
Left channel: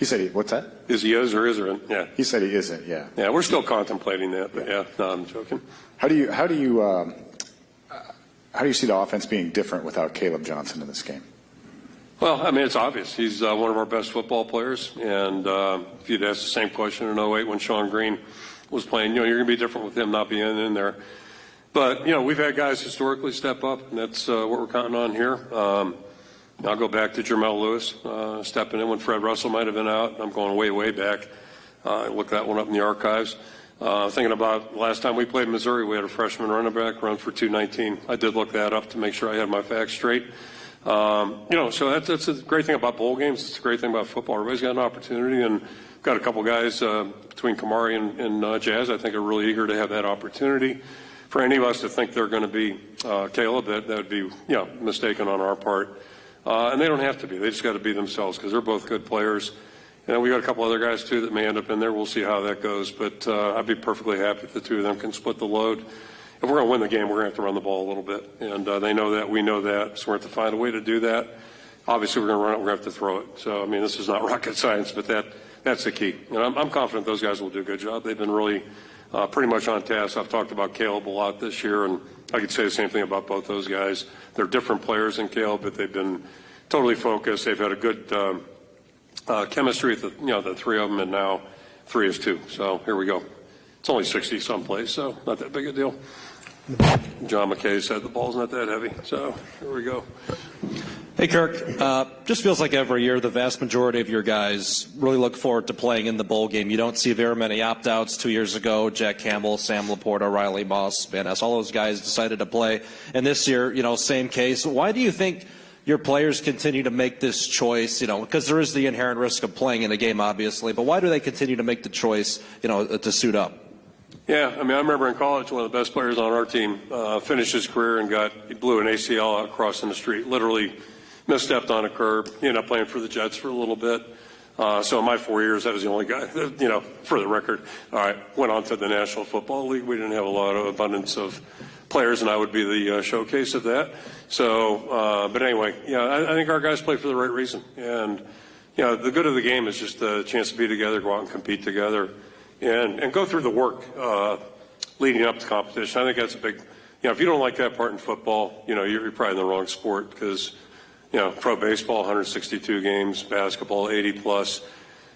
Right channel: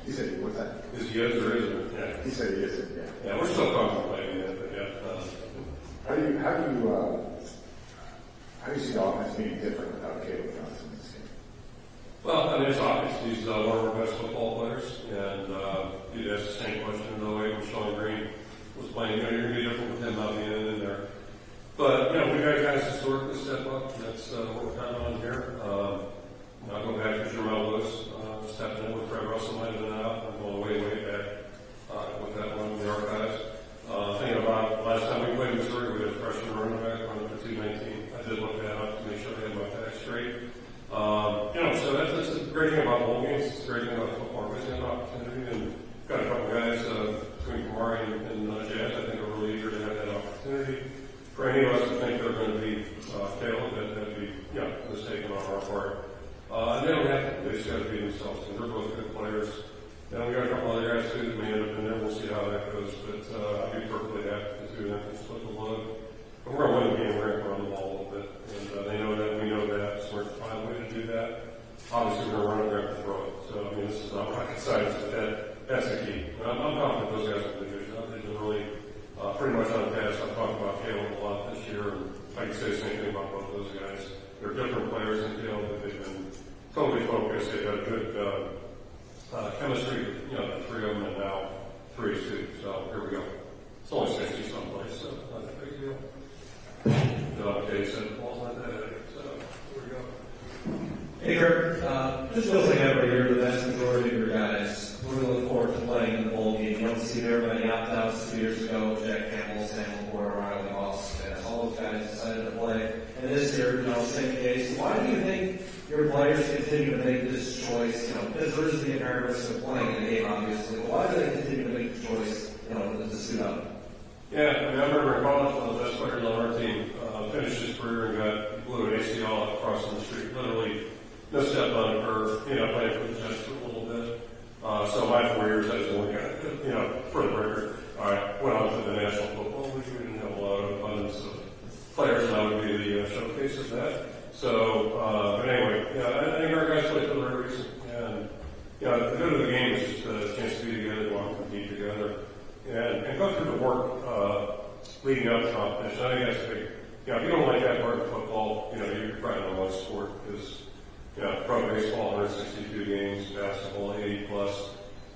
He said, what's that? Is he is or isn't? Yeah. He said he isn't. Yeah. Yeah, we're still contemplating that, but yeah, no, I'm joking. How do you see the offense being different without Caleb Johnson in this game? Well, it's obvious. He's one of our best football players, and if you'd asked the same question in 08 when Sean Green was playing, you're going to be different with him not being in there. But, we've had guys historically step up, and that's what we're counting on here. I'll go back to Jermel Lewis, stepping in when Fred Russell might have been out. I'm going way, way back. I looked that one up in the archives. Thinking about the last time we played Missouri, we had a freshman running back run for 219. I did look that up to make sure I had my facts straight. So that's a great thing about bowl games. It's a great thing about football. Everybody's got an opportunity, and got a couple guys between Kamari and Jazz I think are really eager to have that opportunity. For any of us to think they're going to be Caleb, that would be mistaken on our part. And they don't have to be. They just got to be themselves because they're both good players. And we got a couple other guys too that may end up in there. We'll see how that goes. But I'd be perfectly happy if the two of them can split the load. If we're going to win the game, we're going to have to run the ball a little bit. And they know that. We know that. So we're going to have to find a way to do that. Obviously, we're going to run. We're going to have to throw it. So, this is not rocket science, but that's the key. And I'm confident those guys will do a good job. They've been really pretty much on task. I've talked about Caleb a lot this year, and I could say the same thing about both those guys. They're different players than Caleb, but they've been totally focused. They've had a good chemistry, the three of them, and now 3 is 2. So here we go. It's only 60 someplace, so not that big a deal. John McKay said the ball's not that heavy, so here we go. Hey Kirk, just feels like every year the vast majority of your guys really look forward to playing in the bowl game. You don't see very many opt-outs. 2 years ago, Jack Campbell, Sam Laporta, Riley Moss, Van Ness, all those guys decided to play. And this year, same case. Why do you think your players continue to make this choice, because there is the inherent risk of playing in a game, obviously, but why do they continue to make the choice, to suit up? Yeah, I remember in college, one of the best players on our team finished his career and he blew an ACL out crossing the street, literally misstepped on a curb. He ended up playing for the Jets for a little bit. So in my 4 years, I was the only guy, for the record, went on to the National Football League. We didn't have a lot of abundance of players, and I would be the showcase of that. So, but anyway, I think our guys play for the right reason. And, the good of the game is just a chance to be together, go out and compete together, and go through the work leading up to competition. I think that's a big, if you don't like that part in football, you're probably in the wrong sport because, pro baseball, 162 games, basketball, 80 plus.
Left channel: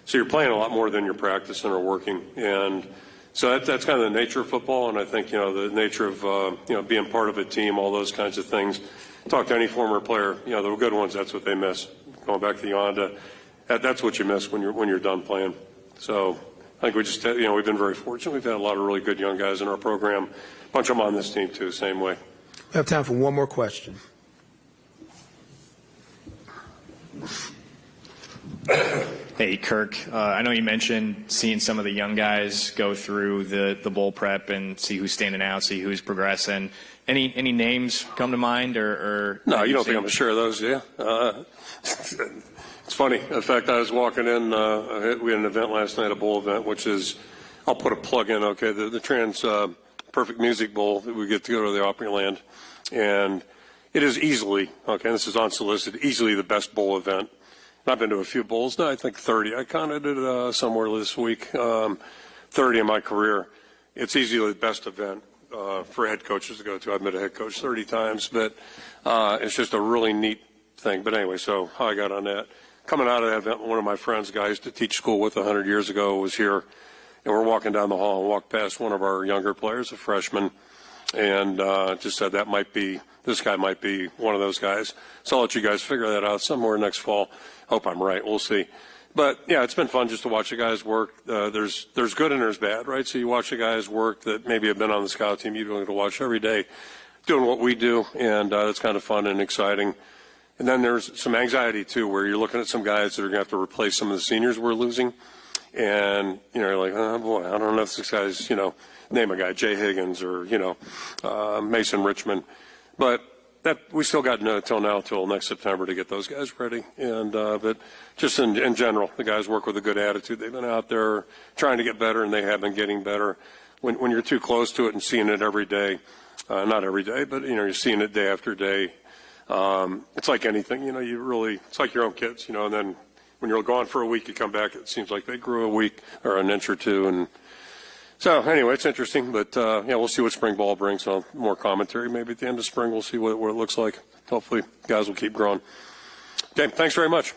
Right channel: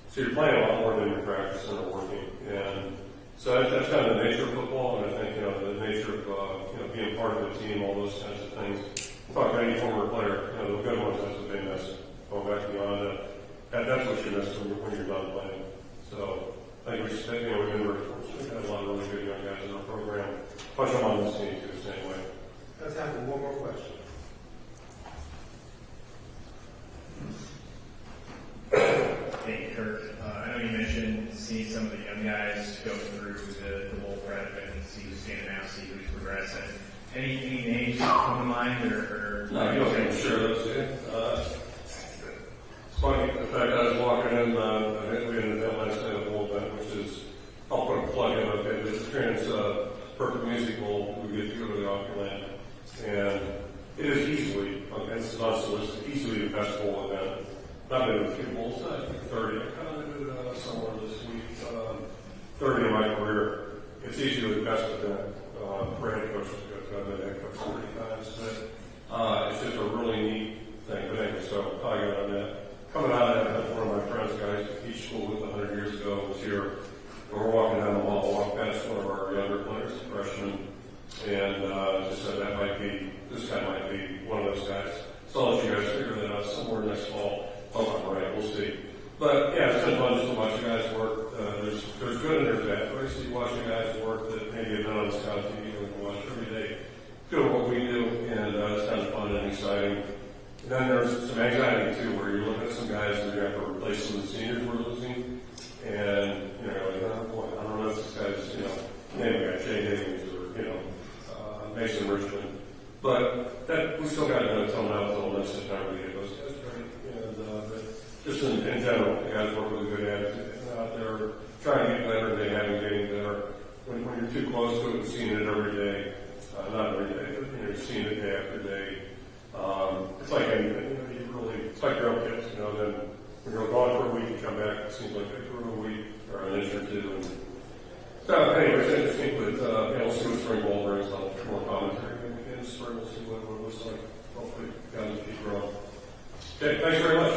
So you're playing a lot more than you're practicing or working. And so that's kind of the nature of football, and I think, the nature of, being part of a team, all those kinds of things. Talk to any former player, the good ones, that's what they miss. Going back to Yanda, that's what you miss when you're done playing. So I think we just, we've been very fortunate. We've had a lot of really good young guys in our program. A bunch of them on this team, too, same way. We have time for one more question. Hey, Kirk. I know you mentioned seeing some of the young guys go through the bowl prep and see who's standing out, see who's progressing. Any names come to mind, or no? You don't think I'm sure of those, do you? It's funny. In fact, I was walking in. We had an event last night, a bowl event, which is, I'll put a plug in. Okay, the Trans Perfect Music Bowl that we get to go to the Opryland, and it is easily, this is unsolicited, easily the best bowl event. I've been to a few bowls now. I think 30. I counted it somewhere this week. 30 in my career. It's easily the best event for head coaches to go to. I've been a head coach 30 times, but it's just a really neat thing. But anyway, so how I got on that. Coming out of that event, one of my friends, guy I used to teach school with 100 years ago, was here. and we're walking down the hall, walked past one of our younger players, a freshman, and just said this guy might be one of those guys. So I'll let you guys figure that out somewhere next fall. Hope I'm right. We'll see. But yeah, it's been fun just to watch the guys work. There's good and there's bad, right? So you watch the guys work that maybe have been on the scout team, you've been able to watch every day doing what we do, and it's kind of fun and exciting. And then there's some anxiety too, where you're looking at some guys that are going to have to replace some of the seniors we're losing, and you're like, oh boy, I don't know if this guy's, name a guy, Jay Higgins or Mason Richmond. But we still got till next September to get those guys ready. And but just in general, the guys work with a good attitude. They've been out there trying to get better, and they have been getting better. When you're too close to it and seeing it every day, not every day, but you're seeing it day after day. It's like anything, it's like your own kids, and then when you're gone for a week, you come back, it seems like they grew a week or an inch or two. And so anyway, it's interesting, but we'll see what spring ball brings. More commentary maybe at the end of spring. We'll see what it looks like. Hopefully guys will keep growing. Okay, thanks very much.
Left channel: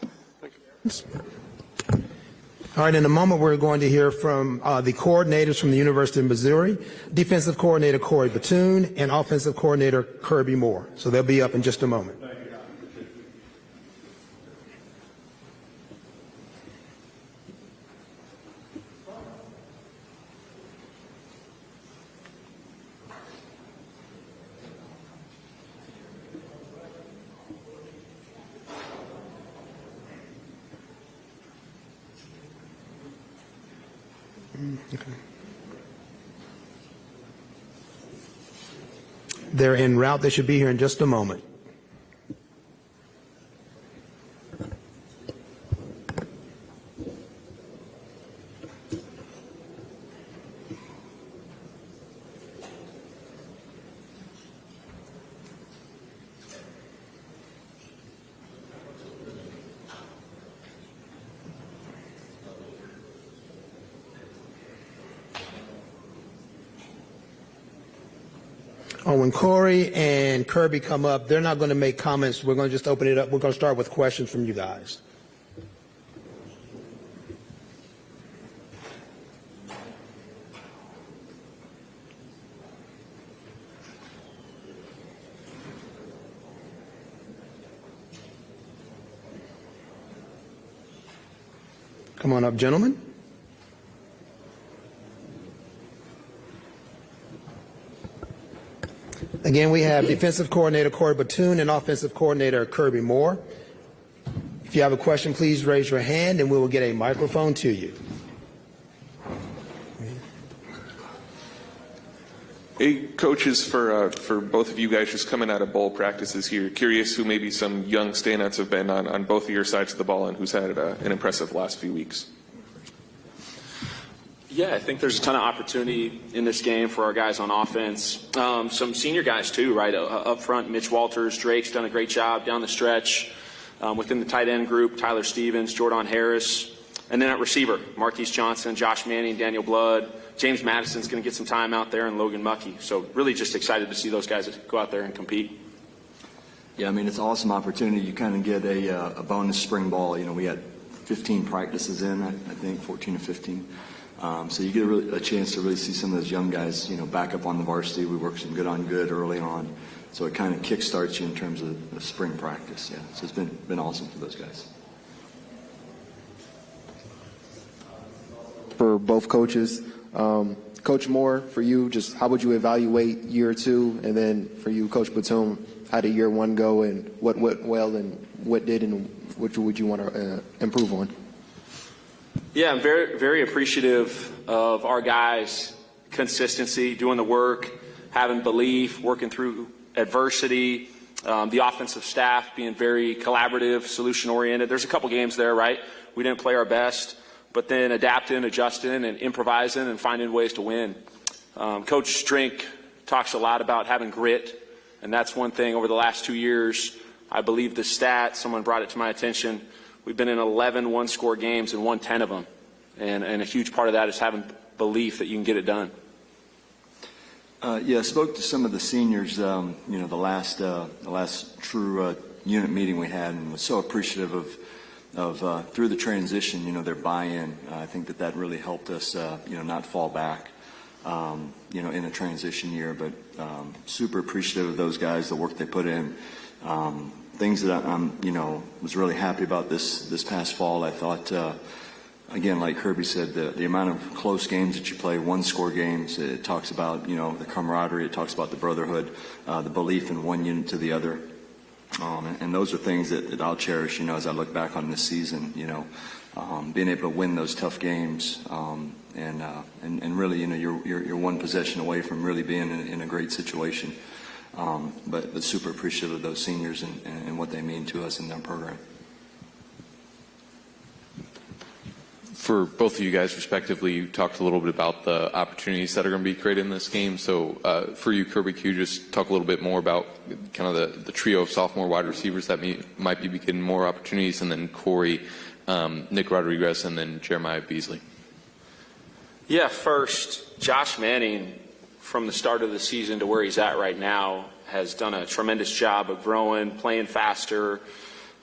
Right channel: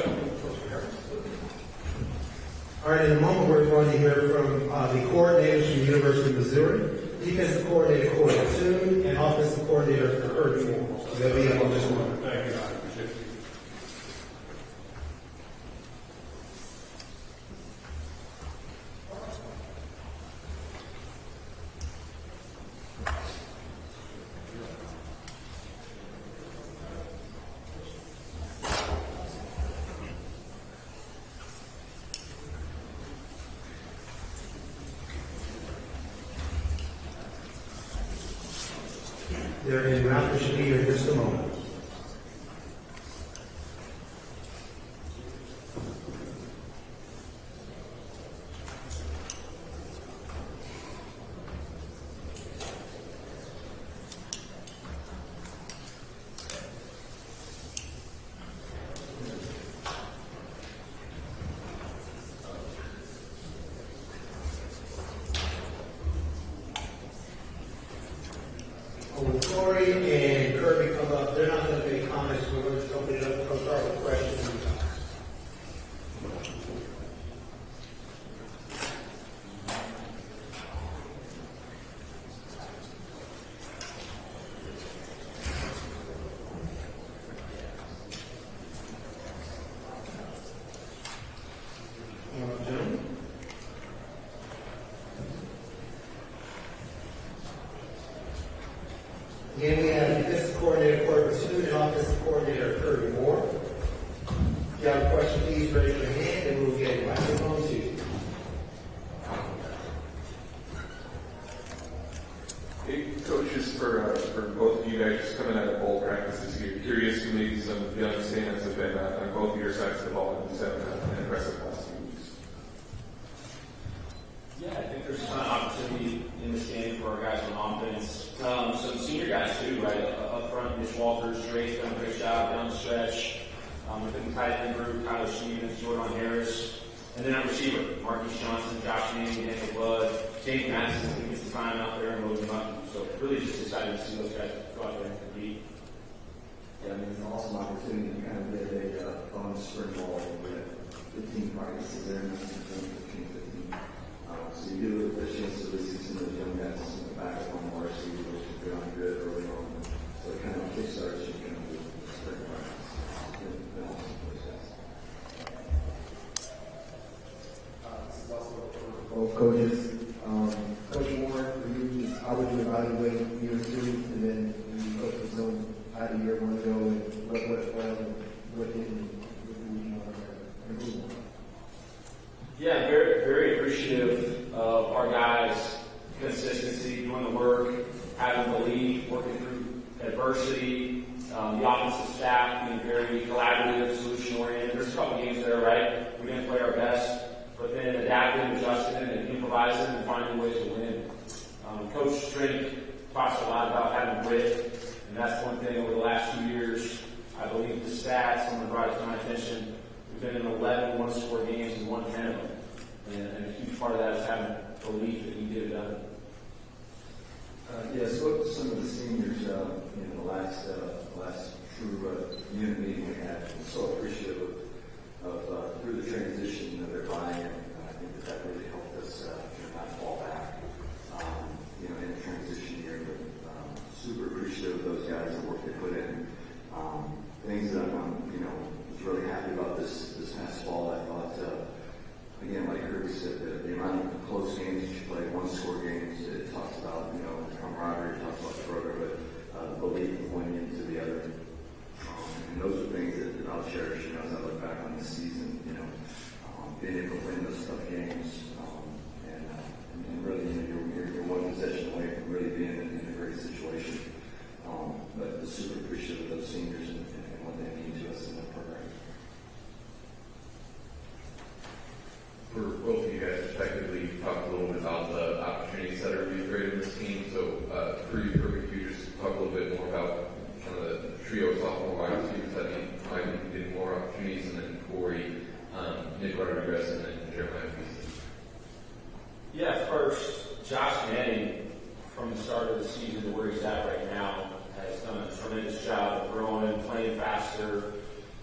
All right, in a moment we're going to hear from the coordinators from the University of Missouri, defensive coordinator Corey Batoon and offensive coordinator Kirby Moore. So they'll be up in just a moment. They're en route. They should be here in just a moment. When Corey and Kirby come up, they're not going to make comments. We're going to just open it up. We're going to start with questions from you guys. Come on up, gentlemen. Again, we have defensive coordinator Corey Batoon and offensive coordinator Kirby Moore. If you have a question, please raise your hand and we will get a microphone to you. Hey, coaches, for both of you guys just coming out of bowl practices here, curious who maybe some young standouts have been on both of your sides of the ball and who's had an impressive last few weeks. Yeah, I think there's a ton of opportunity in this game for our guys on offense. Some senior guys too, right? Up front, Mitch Walters, Drake's done a great job down the stretch. Within the tight end group, Tyler Stevens, Jordan Harris. And then at receiver, Marquise Johnson, Josh Manning, Daniel Blood. James Madison's going to get some time out there, and Logan Muckey. So really just excited to see those guys go out there and compete. Yeah, I mean, it's an awesome opportunity. You kind of get a bonus spring ball. We had 15 practices in, I think, 14 or 15. So you get a chance to really see some of those young guys, back up on the varsity. We worked some good on good early on. So it kind of kickstarts you in terms of the spring practice. Yeah, so it's been awesome for those guys. For both coaches, Coach Moore, for you, just how would you evaluate year two? And then for you, Coach Batum, how did year one go, and what went well and what did, and what would you want to improve on? Yeah, I'm very, very appreciative of our guys' consistency, doing the work, having belief, working through adversity, the offensive staff being very collaborative, solution-oriented. There's a couple games there, right? We didn't play our best, but then adapting, adjusting, and improvising and finding ways to win. Coach Strink talks a lot about having grit, and that's one thing over the last 2 years. I believe the stat, someone brought it to my attention, we've been in 11 one-score games and won 10 of them. And a huge part of that is having belief that you can get it done. Yeah, I spoke to some of the seniors, the last true unit meeting we had, and was so appreciative of through the transition, their buy-in. I think that really helped us, not fall back, in a transition year. But super appreciative of those guys, the work they put in. Things that I'm, was really happy about this past fall. I thought, again, like Kirby said, the amount of close games that you play, one-score games. It talks about, the camaraderie. It talks about the brotherhood, the belief in one unit to the other. And those are things that I'll cherish, as I look back on this season, being able to win those tough games, and really, you're one possession away from really being in a great situation. But super appreciative of those seniors and what they mean to us in their program. For both of you guys, respectively, you talked a little bit about the opportunities that are going to be created in this game. So for you, Kirby, could you just talk a little bit more about kind of the trio of sophomore wide receivers that might be getting more opportunities, and then Corey, Nick Rodriguez, and then Jeremiah Beasley? Yeah, first, Josh Manning, from the start of the season to where he's at right now, has done a tremendous job of growing, playing faster.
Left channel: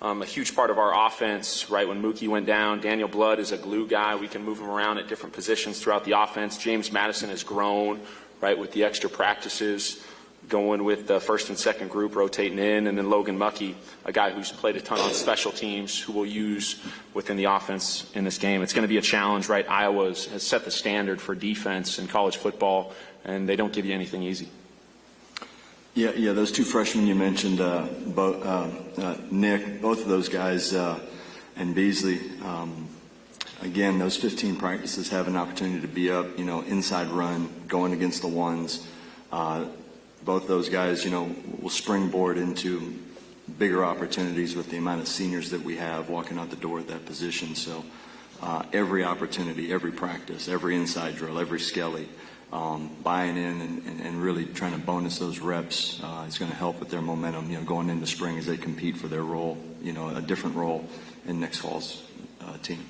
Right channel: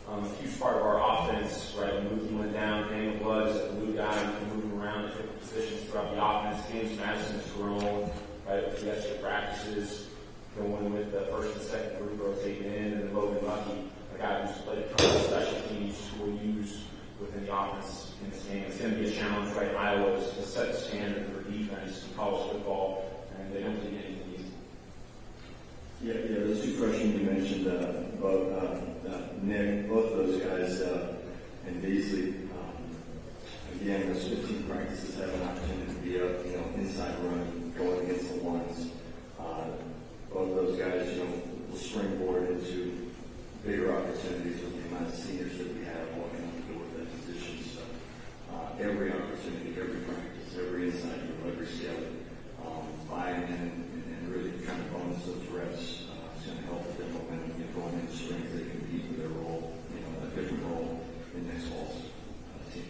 A huge part of our offense, right, when Mookie went down, Daniel Blood is a glue guy. We can move him around at different positions throughout the offense. James Madison has grown, right, with the extra practices, going with the first and second group, rotating in. And then Logan Muckey, a guy who's played a ton of special teams, who we'll use within the offense in this game. It's going to be a challenge, right? Iowa has set the standard for defense in college football, and they don't give you anything easy. Yeah, those two freshmen you mentioned, Nick, both of those guys, and Beasley, again, those 15 practices have an opportunity to be up, inside run, going against the ones. Both those guys, will springboard into bigger opportunities with the amount of seniors that we have walking out the door at that position. So every opportunity, every practice, every inside drill, every skelly, buying in and really trying to bonus those reps is going to help with their momentum, going into spring as they compete for their role, a different role in next fall's team.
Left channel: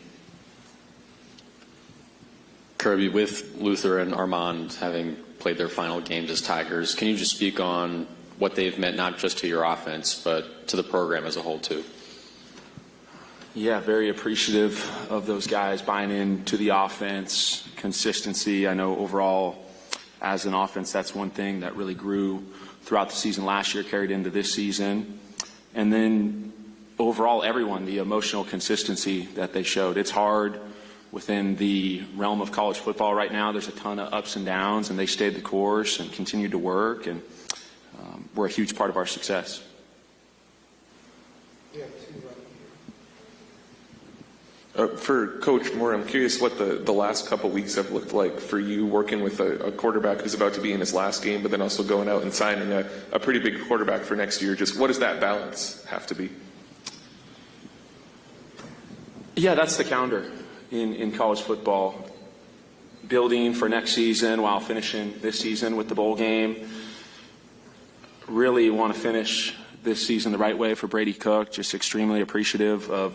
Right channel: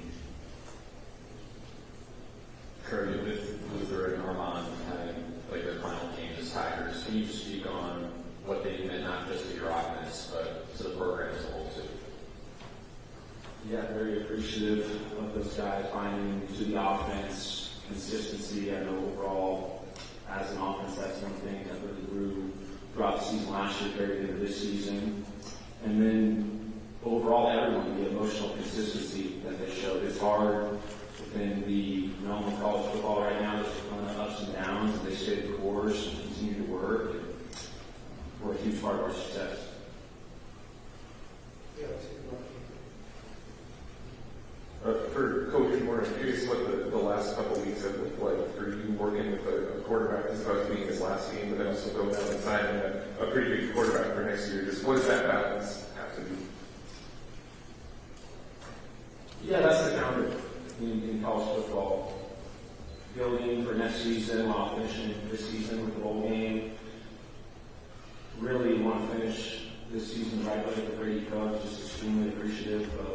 Kirby, with Luther and Armand having played their final games as Tigers, can you just speak on what they've meant not just to your offense, but to the program as a whole, too? Yeah, very appreciative of those guys buying into the offense, consistency. I know overall, as an offense, that's one thing that really grew throughout the season last year, carried into this season. And then overall, everyone, the emotional consistency that they showed. It's hard within the realm of college football right now. There's a ton of ups and downs, and they stayed the course and continued to work, and were a huge part of our success. For Coach Moore, I'm curious what the last couple weeks have looked like for you, working with a quarterback who's about to be in his last game, but then also going out and signing a pretty big quarterback for next year. Just what does that balance have to be? Yeah, that's the calendar in college football. Building for next season while finishing this season with the bowl game. Really want to finish this season the right way for Brady Cook. Just extremely appreciative of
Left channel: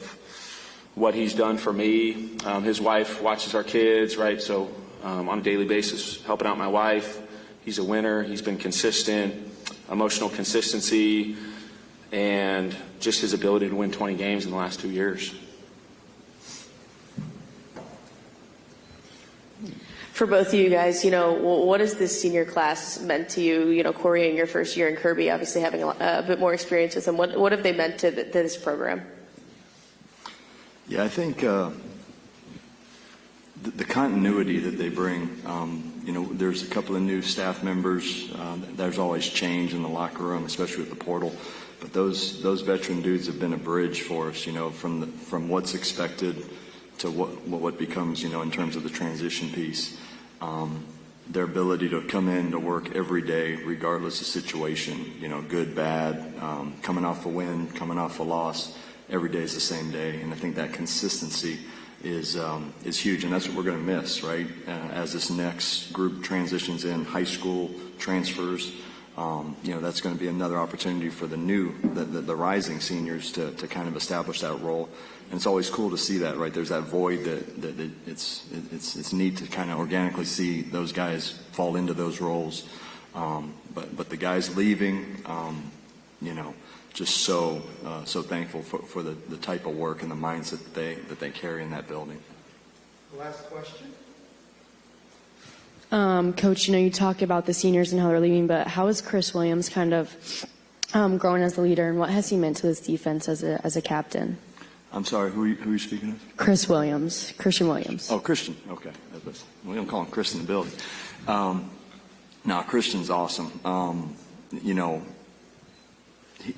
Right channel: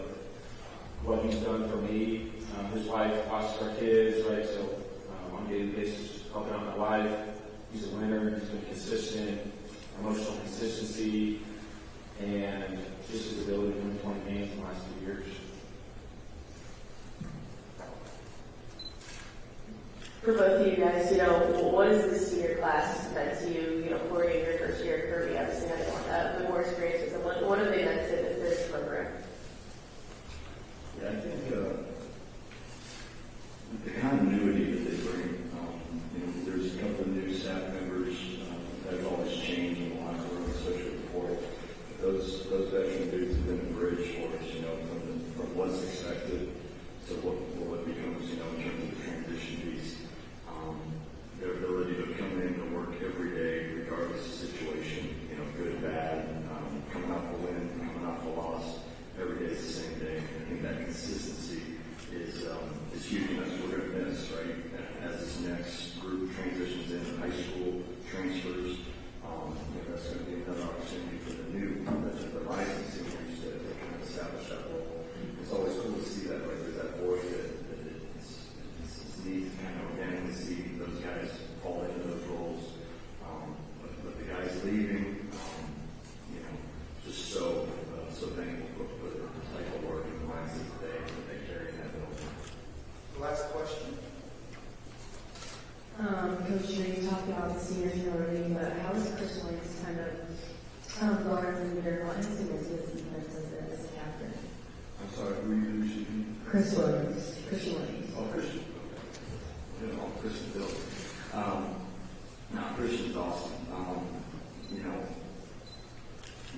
what he's done for me. His wife watches our kids, right? So on a daily basis, helping out my wife. He's a winner. He's been consistent, emotional consistency, and just his ability to win 20 games in the last 2 years. For both of you guys, what has this senior class meant to you? Corey in your first year, and Kirby obviously having a bit more experience with them. What have they meant to this program? Yeah, I think the continuity that they bring, there's a couple of new staff members. There's always change in the locker room, especially with the portal. But those veteran dudes have been a bridge for us, from what's expected to what becomes, in terms of the transition piece. Their ability to come in to work every day, regardless of situation, good, bad, coming off a win, coming off a loss. Every day is the same day, and I think that consistency is huge, and that's what we're going to miss, right? As this next group transitions in, high school transfers, that's going to be another opportunity for the rising seniors to kind of establish that role. And it's always cool to see that, right? There's that void that it's neat to kind of organically see those guys fall into those roles. But the guys leaving, just so thankful for the type of work and the mindset that they carry in that building. Last question. Coach, you talk about the seniors and how they're leaving, but how is Chris Williams kind of growing as a leader, and what has he meant to this defense as a captain? I'm sorry, who are you speaking to? Christian Williams. Oh, Christian. Okay, we don't call him Chris in the building. No, Christian's awesome.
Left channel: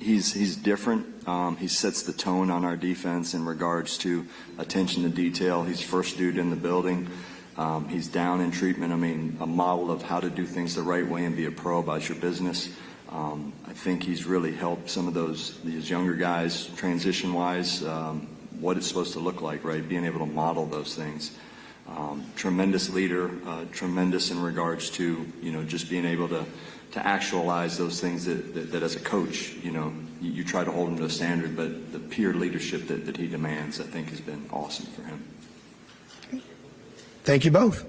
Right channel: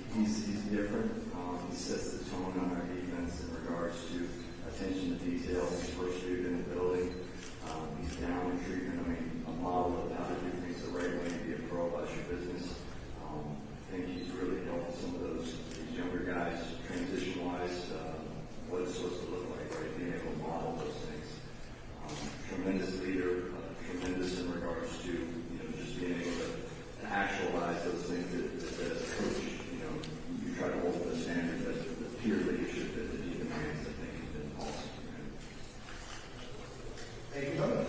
He's different. He sets the tone on our defense in regards to attention to detail. He's first dude in the building. He's down in treatment. I mean, a model of how to do things the right way and be a pro about your business. I think he's really helped some of these younger guys transition-wise, what it's supposed to look like, right? Being able to model those things. Tremendous leader, tremendous in regards to, just being able to actualize those things that as a coach, you try to hold him to a standard, but the peer leadership that he demands, I think, has been awesome for him. Thank you both.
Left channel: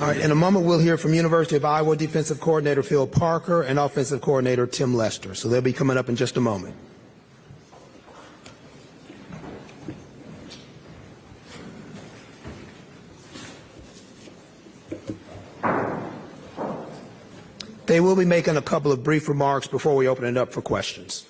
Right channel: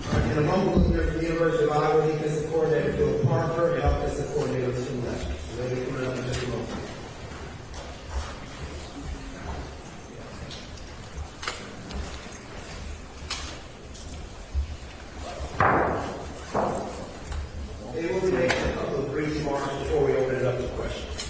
All right, in a moment, we'll hear from University of Iowa defensive coordinator Phil Parker and offensive coordinator Tim Lester. So they'll be coming up in just a moment. They will be making a couple of brief remarks before we open it up for questions.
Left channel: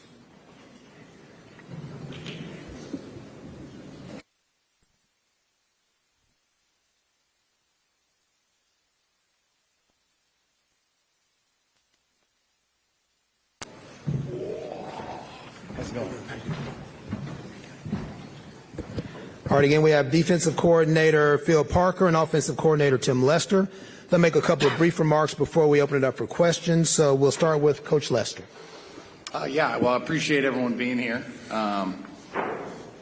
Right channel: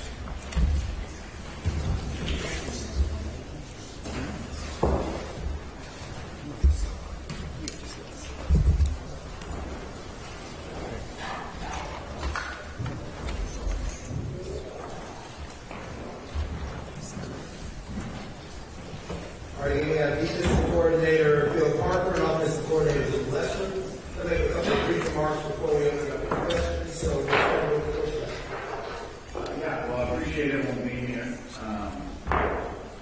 All right, again, we have defensive coordinator Phil Parker and offensive coordinator Tim Lester. They'll make a couple of brief remarks before we open it up for questions. So we'll start with Coach Lester. Yeah, well, I appreciate everyone being here.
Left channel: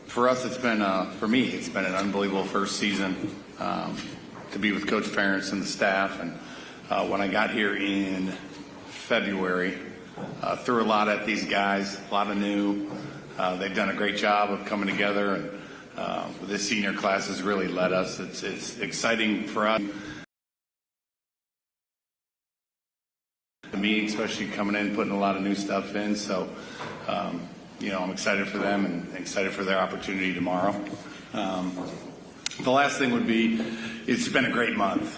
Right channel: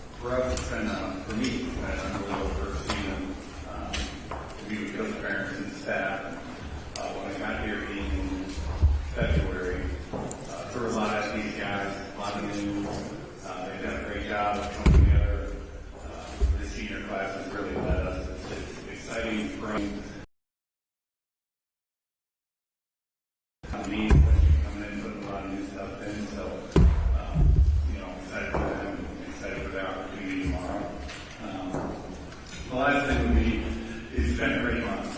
For us, for me, it's been an unbelievable first season to be with Coach Ferentz and the staff. And when I got here in February, threw a lot at these guys, a lot of new. They've done a great job of coming together. And this senior class has really led us. It's exciting for us. The meeting, especially coming in, putting a lot of new stuff in. So, I'm excited for them and excited for their opportunity tomorrow. The last thing would be, it's been a great month,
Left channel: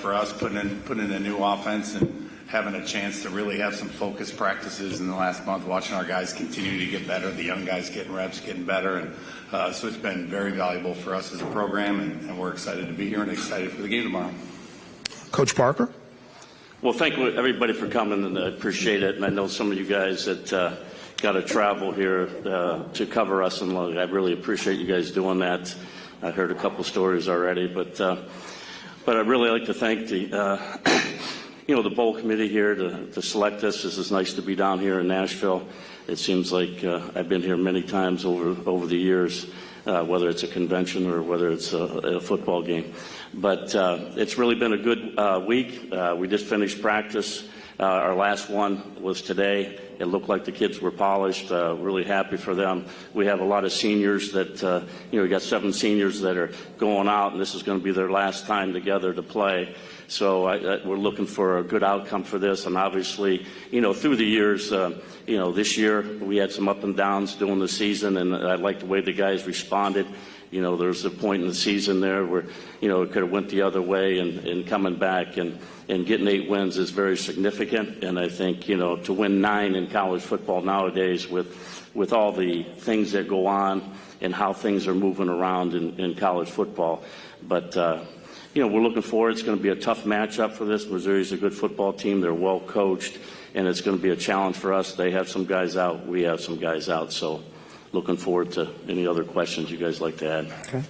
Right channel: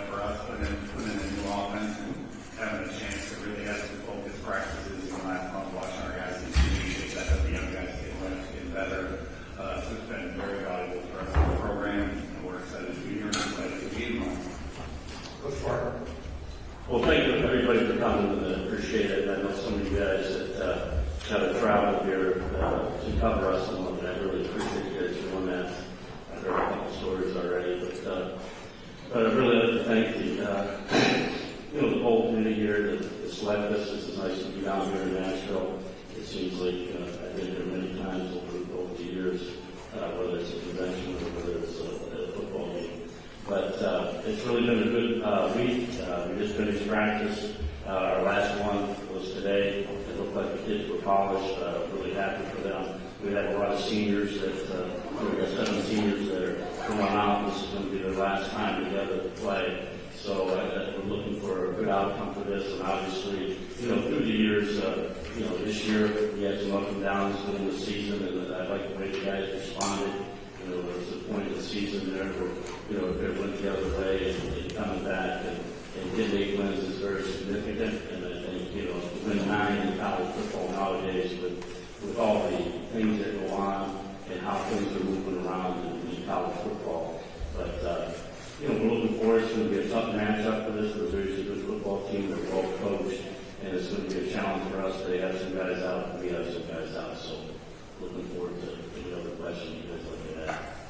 for us putting in a new offense and having a chance to really have some focused practices in the last month, watching our guys continue to get better, the young guys getting reps, getting better. And so it's been very valuable for us as a program, and we're excited to be here and excited for the game tomorrow. Coach Parker. Well, thank you everybody for coming. I appreciate it. And I know some of you guys that got to travel here to cover us, and I really appreciate you guys doing that. I've heard a couple stories already, but I'd really like to thank the bowl committee here to select us. This is nice to be down here in Nashville. It seems like I've been here many times over the years, whether it's a convention or whether it's a football game. But it's really been a good week. We just finished practice. Our last one was today. It looked like the kids were polished. Really happy for them. We have a lot of seniors that, we got 7 seniors that are going out. This is going to be their last time together to play. So we're looking for a good outcome for this. And obviously, through the years, this year we had some up and downs during the season, and I like the way the guys responded. There was a point in the season there where, it could have went the other way, and coming back and getting 8 wins is very significant. And I think, to win 9 in college football nowadays with all the things that go on and how things are moving around in college football. But, we're looking forward. It's going to be a tough matchup for this. Missouri's a good football team. They're well coached, and it's going to be a challenge for us. They have some guys out. We have some guys out. So looking forward to any other questions you guys like to add. Okay.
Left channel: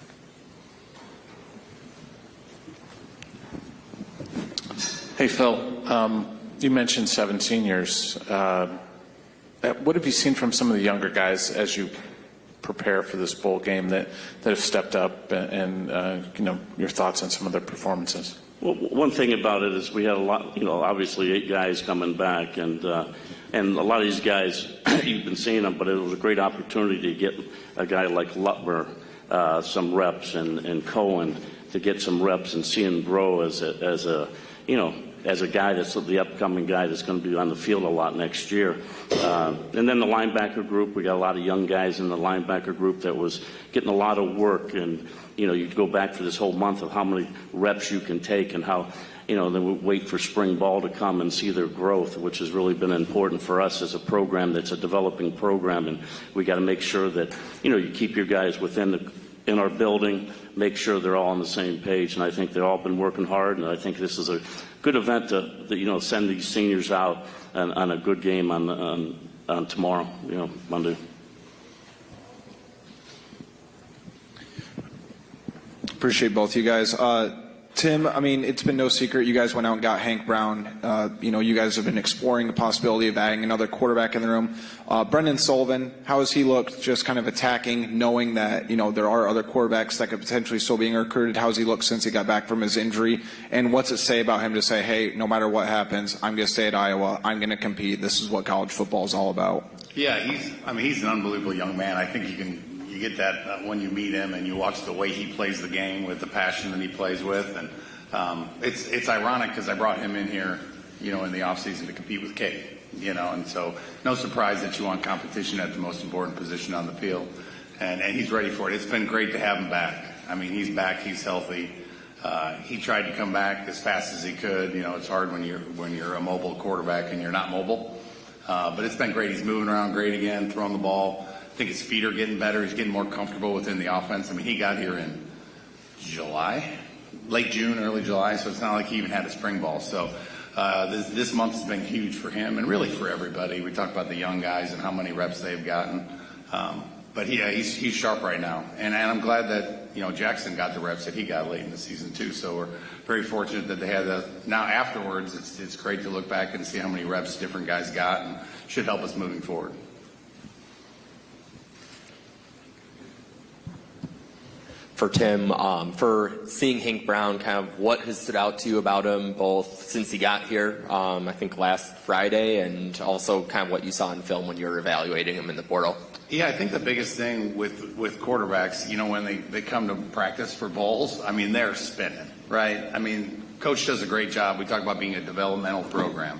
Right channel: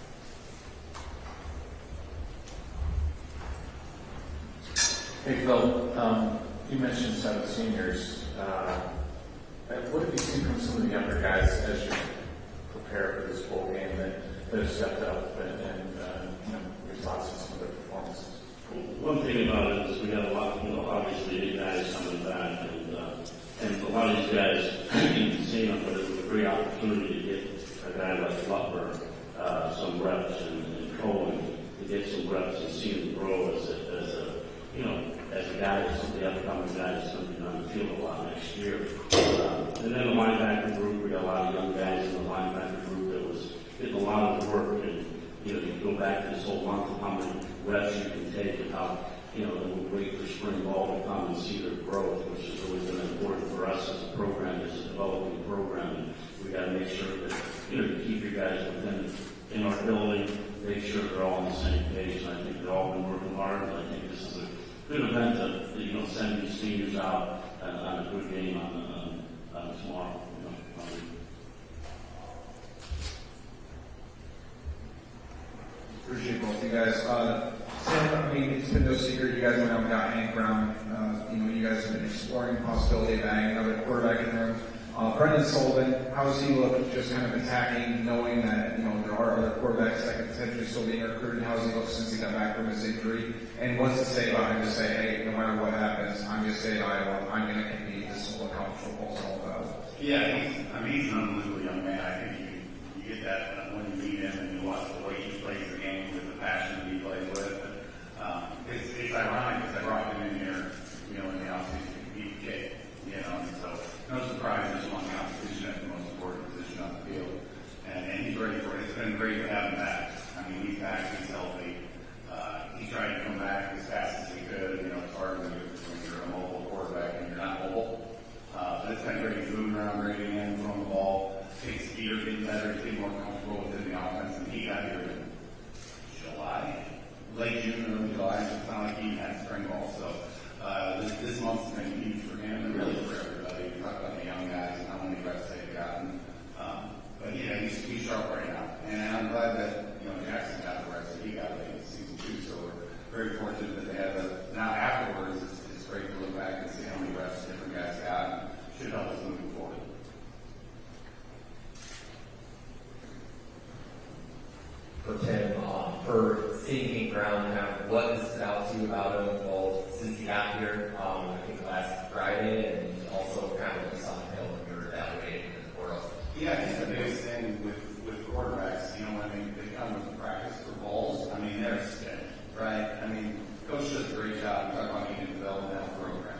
Hey, Phil, you mentioned 7 seniors. What have you seen from some of the younger guys as you prepare for this bowl game that have stepped up, and your thoughts on some of their performances? Well, one thing about it is we had a lot, obviously 8 guys coming back, and a lot of these guys, you've been seeing them, but it was a great opportunity to get a guy like Lutmer some reps, and Cohen to get some reps and see him grow as a as a guy that's the upcoming guy that's going to be on the field a lot next year. And then the linebacker group, we got a lot of young guys in the linebacker group that was getting a lot of work. And, you go back to this whole month of how many reps you can take and how, then we wait for spring ball to come and see their growth, which has really been important for us as a program that's a developing program. And we got to make sure that, you keep your guys in our building, make sure they're all on the same page. And I think they've all been working hard, and I think this is a good event to send these seniors out on a good game on tomorrow, Monday. Appreciate both you guys. Tim, it's been no secret you guys went out and got Hank Brown. You guys have been exploring the possibility of adding another quarterback in the room. Brendan Sullivan, how has he looked just kind of attacking, knowing that, there are other quarterbacks that could potentially still be recruited? How has he looked since he got back from his injury? And what's it say about him to say, hey, no matter what happens, I'm going to stay at Iowa, I'm going to compete, this is what college football is all about? Yeah, he's an unbelievable young man. I think you get that when you meet him and you watch the way he plays the game with the passion that he plays with. And it's ironic because I brought him in here, in the offseason to compete with Kate, and so no surprise that you want competition at the most important position on the field. And he's ready for it. It's been great to have him back. He's back, he's healthy. He tried to come back as fast as he could. It's hard when you're a mobile quarterback and you're not mobile. But it's been great. He's moving around great again, throwing the ball. I think his feet are getting better. He's getting more comfortable within the offense. He got here in July, late June, early July, so it's not like he even had a spring ball. So this month has been huge for him and really for everybody. We talked about the young guys and how many reps they've gotten. But he's sharp right now. And I'm glad that, Jackson got the reps that he got late in the season too. So we're very fortunate that they had that. Now afterwards, it's great to look back and see how many reps different guys got, and should help us moving forward. For Tim, for seeing Hank Brown, kind of what has stood out to you about him, both since he got here, I think last Friday, and also kind of what you saw in film when you were evaluating him in the portal? Yeah, I think the biggest thing with quarterbacks, when they come to practice for bowls, they're spinning, right? Coach does a great job. We talk about being a developmental program.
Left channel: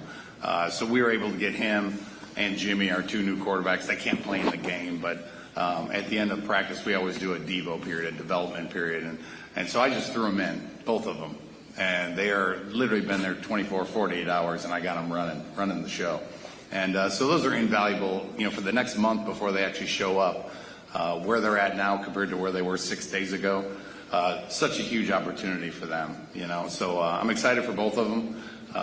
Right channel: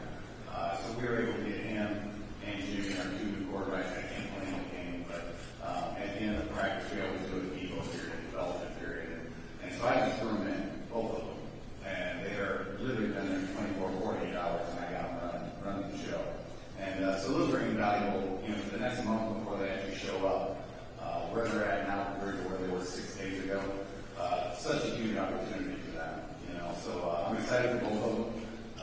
So we were able to get him and Jimmy, our two new quarterbacks. They can't play in the game, but at the end of practice, we always do a Devo period, a development period. And so I just threw them in, both of them. And they are literally been there 24, 48 hours, and I got them running the show. And so those are invaluable, for the next month before they actually show up, where they're at now compared to where they were 6 days ago. Such a huge opportunity for them, So I'm excited for both of them.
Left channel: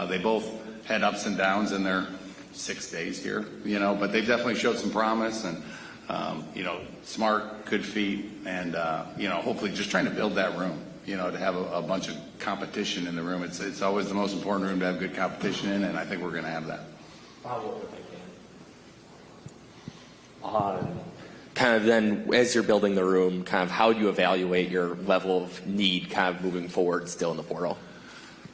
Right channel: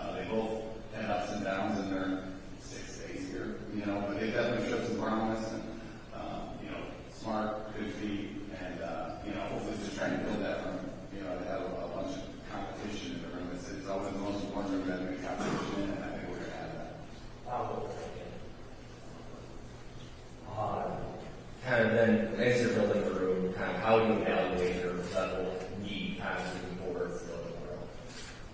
They both had ups and downs in their 6 days here, but they definitely showed some promise and, smart, good feet, and, hopefully just trying to build that room, to have a bunch of competition in the room. It's always the most important room to have good competition in, and I think we're going to have that. Kind of then, as you're building the room, kind of how do you evaluate your level of need kind of moving forward still in the portal?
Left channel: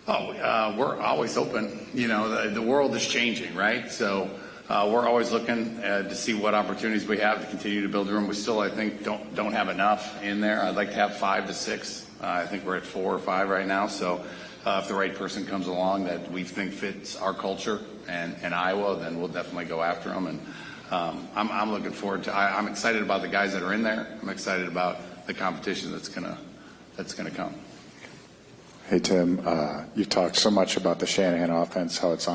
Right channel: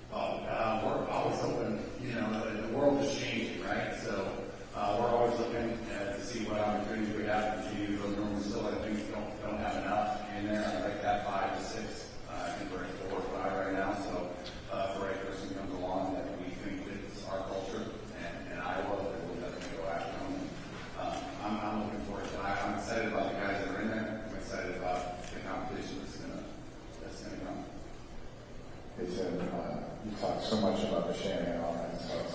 We're always open. The world is changing, right? So we're always looking to see what opportunities we have to continue to build the room. We still, I think, don't have enough in there. I'd like to have 5 to 6. I think we're at 4 or 5 right now. So if the right person comes along that we think fits our culture and Iowa, then we'll definitely go after them. And I'm looking forward to. I'm excited about the guys that are in there. I'm excited about the competition that's gonna come. Hey Tim, you talked so much about the Shanahan offense, how it's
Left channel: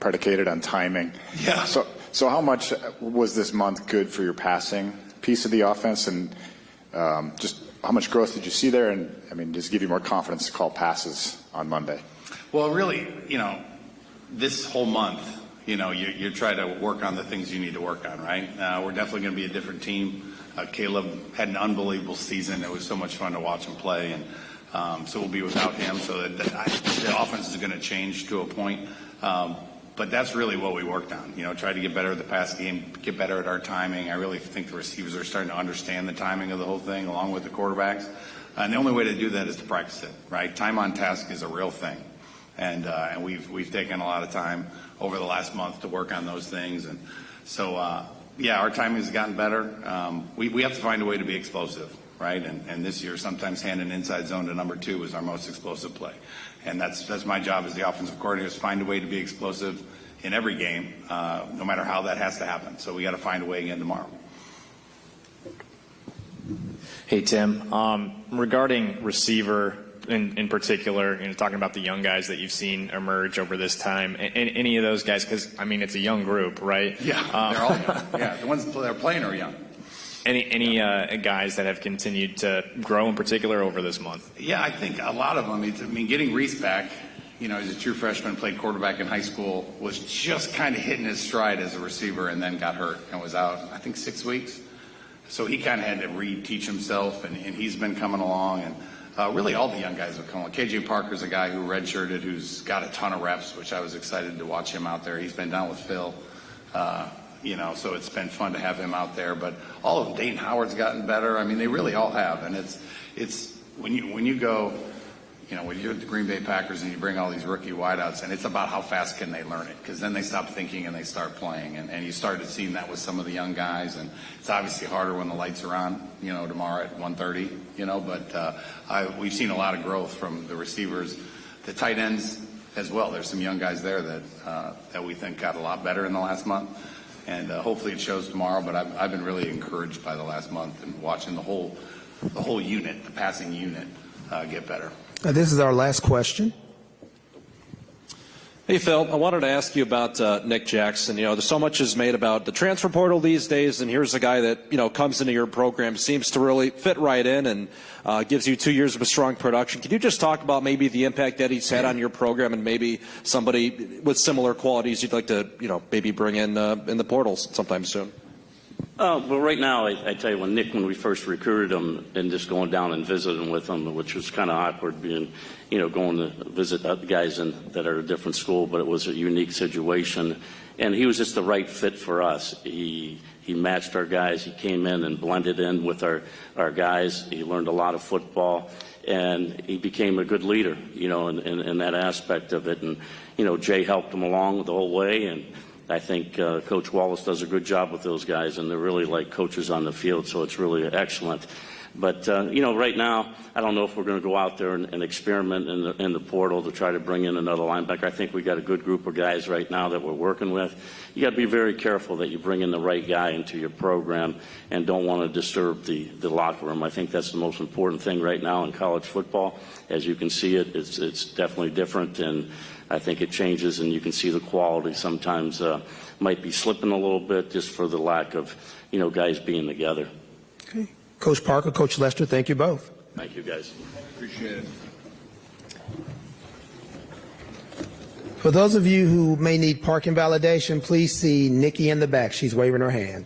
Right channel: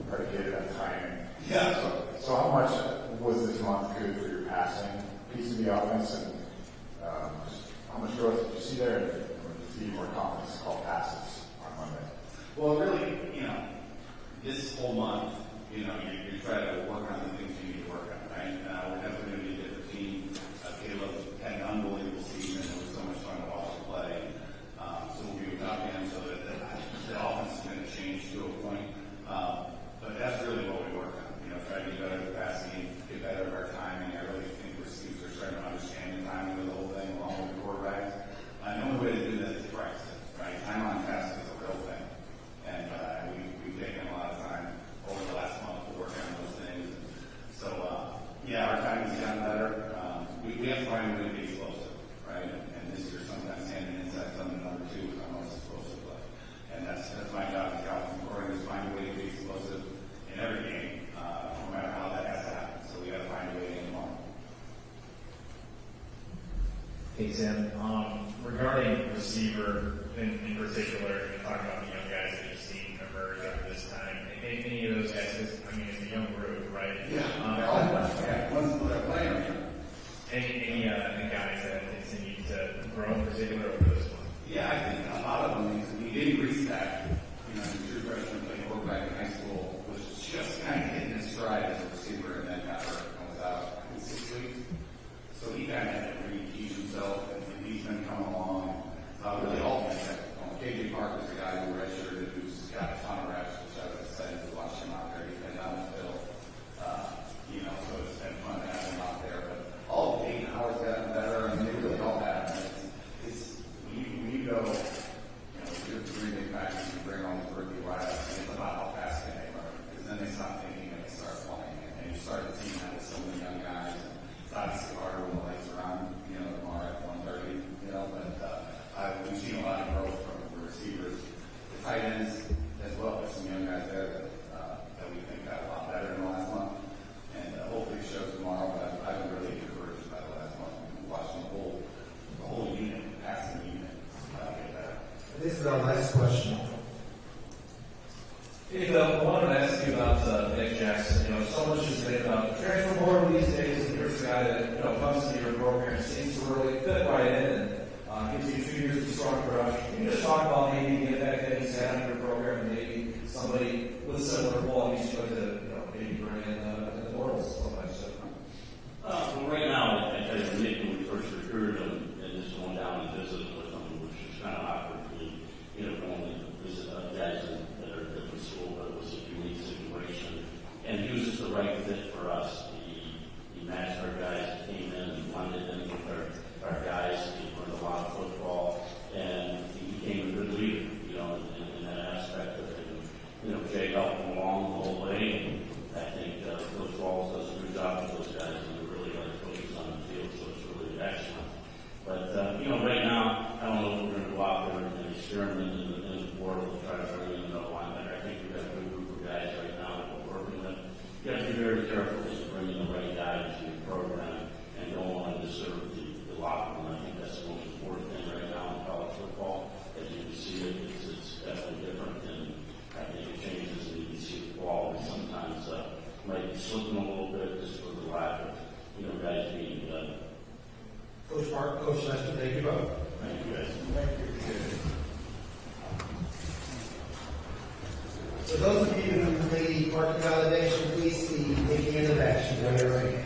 predicated on timing. Yeah. So how much was this month good for your passing piece of the offense, and just how much growth did you see there? And does it give you more confidence to call passes on Monday? Well, really, this whole month, you're trying to work on the things you need to work on, right? We're definitely going to be a different team. Caleb had an unbelievable season. It was so much fun to watch him play, and so we'll be without him. So that the offense is going to change to a point. But that's really what we worked on. Try to get better at the pass game, get better at our timing. I really think the receivers are starting to understand the timing of the whole thing, along with the quarterbacks. And the only way to do that is to practice it, right? Time on task is a real thing, and we've taken a lot of time over the last month to work on those things. And so, our timing has gotten better. We have to find a way to be explosive. right? And this year, sometimes handing inside zone to number 2 is our most explosive play. And that's my job as the offensive coordinator, is find a way to be explosive in every game, no matter how that has to happen. So we got to find a way again tomorrow. Hey, Tim. Regarding receiver in particular, and talking about the young guys that you've seen emerge over this time, any of those guys, because, I mean, it's a young group, right? Yeah, they're all young. Yeah, the ones that are playing are young. Any guys that have continued to grow in particular over this month? Yeah, I think a lot of them. I mean, getting Reese back, you know, he's a true freshman, played quarterback in high school, was just kind of hitting his stride as a receiver, and then got hurt and was out, I think, 6 weeks. So he kind of had to reteach himself, and he's been coming along. And really all the young guys have come along. KJ Parker's a guy who redshirted, who's got a ton of reps, which I was excited to watch him out there. He's been down with Phil, you know, so it's been fun to have him out there. But all of them, Dayton Howard's gotten better. I mean, they really all have. And it's when you go, you know, when you're at the Green Bay Packers and you bring all these rookie wideouts, and it's about how fast can they learn it, because then they stop thinking and they start playing. And you started seeing that with some of the young guys, and it's obviously harder when the lights are on, you know, tomorrow at 1:30, you know, but we've seen a lot of growth from the receivers, the tight ends as well. There's some young guys there that we think got a lot better in the last month, and hopefully it shows tomorrow. But I've been really encouraged by the last month and watching the whole unit, the passing unit, get better. This is our last question. Hey, Phil, I wanted to ask you about Nick Jackson. You know, so much is made about the transfer portal these days, and here's a guy that, you know, comes into your program, seems to really fit right in, and gives you 2 years of strong production. Can you just talk about maybe the impact that he's had on your program, and maybe somebody with similar qualities you'd like to, you know, maybe bring in the portals sometime soon? Well, right now, I tell you, when we first recruited him and just going down and visiting with him, which was kind of awkward being, you know, going to visit other guys that are at a different school, but it was a unique situation. And he was just the right fit for us. He matched our guys. He came in and blended in with our guys. He learned a lot of football, and he became a good leader, you know, in that aspect of it. And, you know, Jay helped him along the whole way, and I think Coach Wallace does a good job with those guys, and they're really like coaches on the field, so it's really excellent. But, you know, right now, I don't know if we're going to go out there and experiment in the portal to try to bring in another linebacker. I think we got a good group of guys right now that we're working with. You got to be very careful that you bring in the right guy into your program and don't want to disturb the locker room. I think that's the most important thing right now in college football. As you can see it's definitely different, and I think it changes, and you can see the quality sometimes might be slipping a little bit just for the lack of, you know, guys being together. Okay. Coach Parker, Coach Lester, thank you both. Thank you, guys. Appreciate it. For those of you who may need parking validation, please see Nikki in the back. She's waving her hand.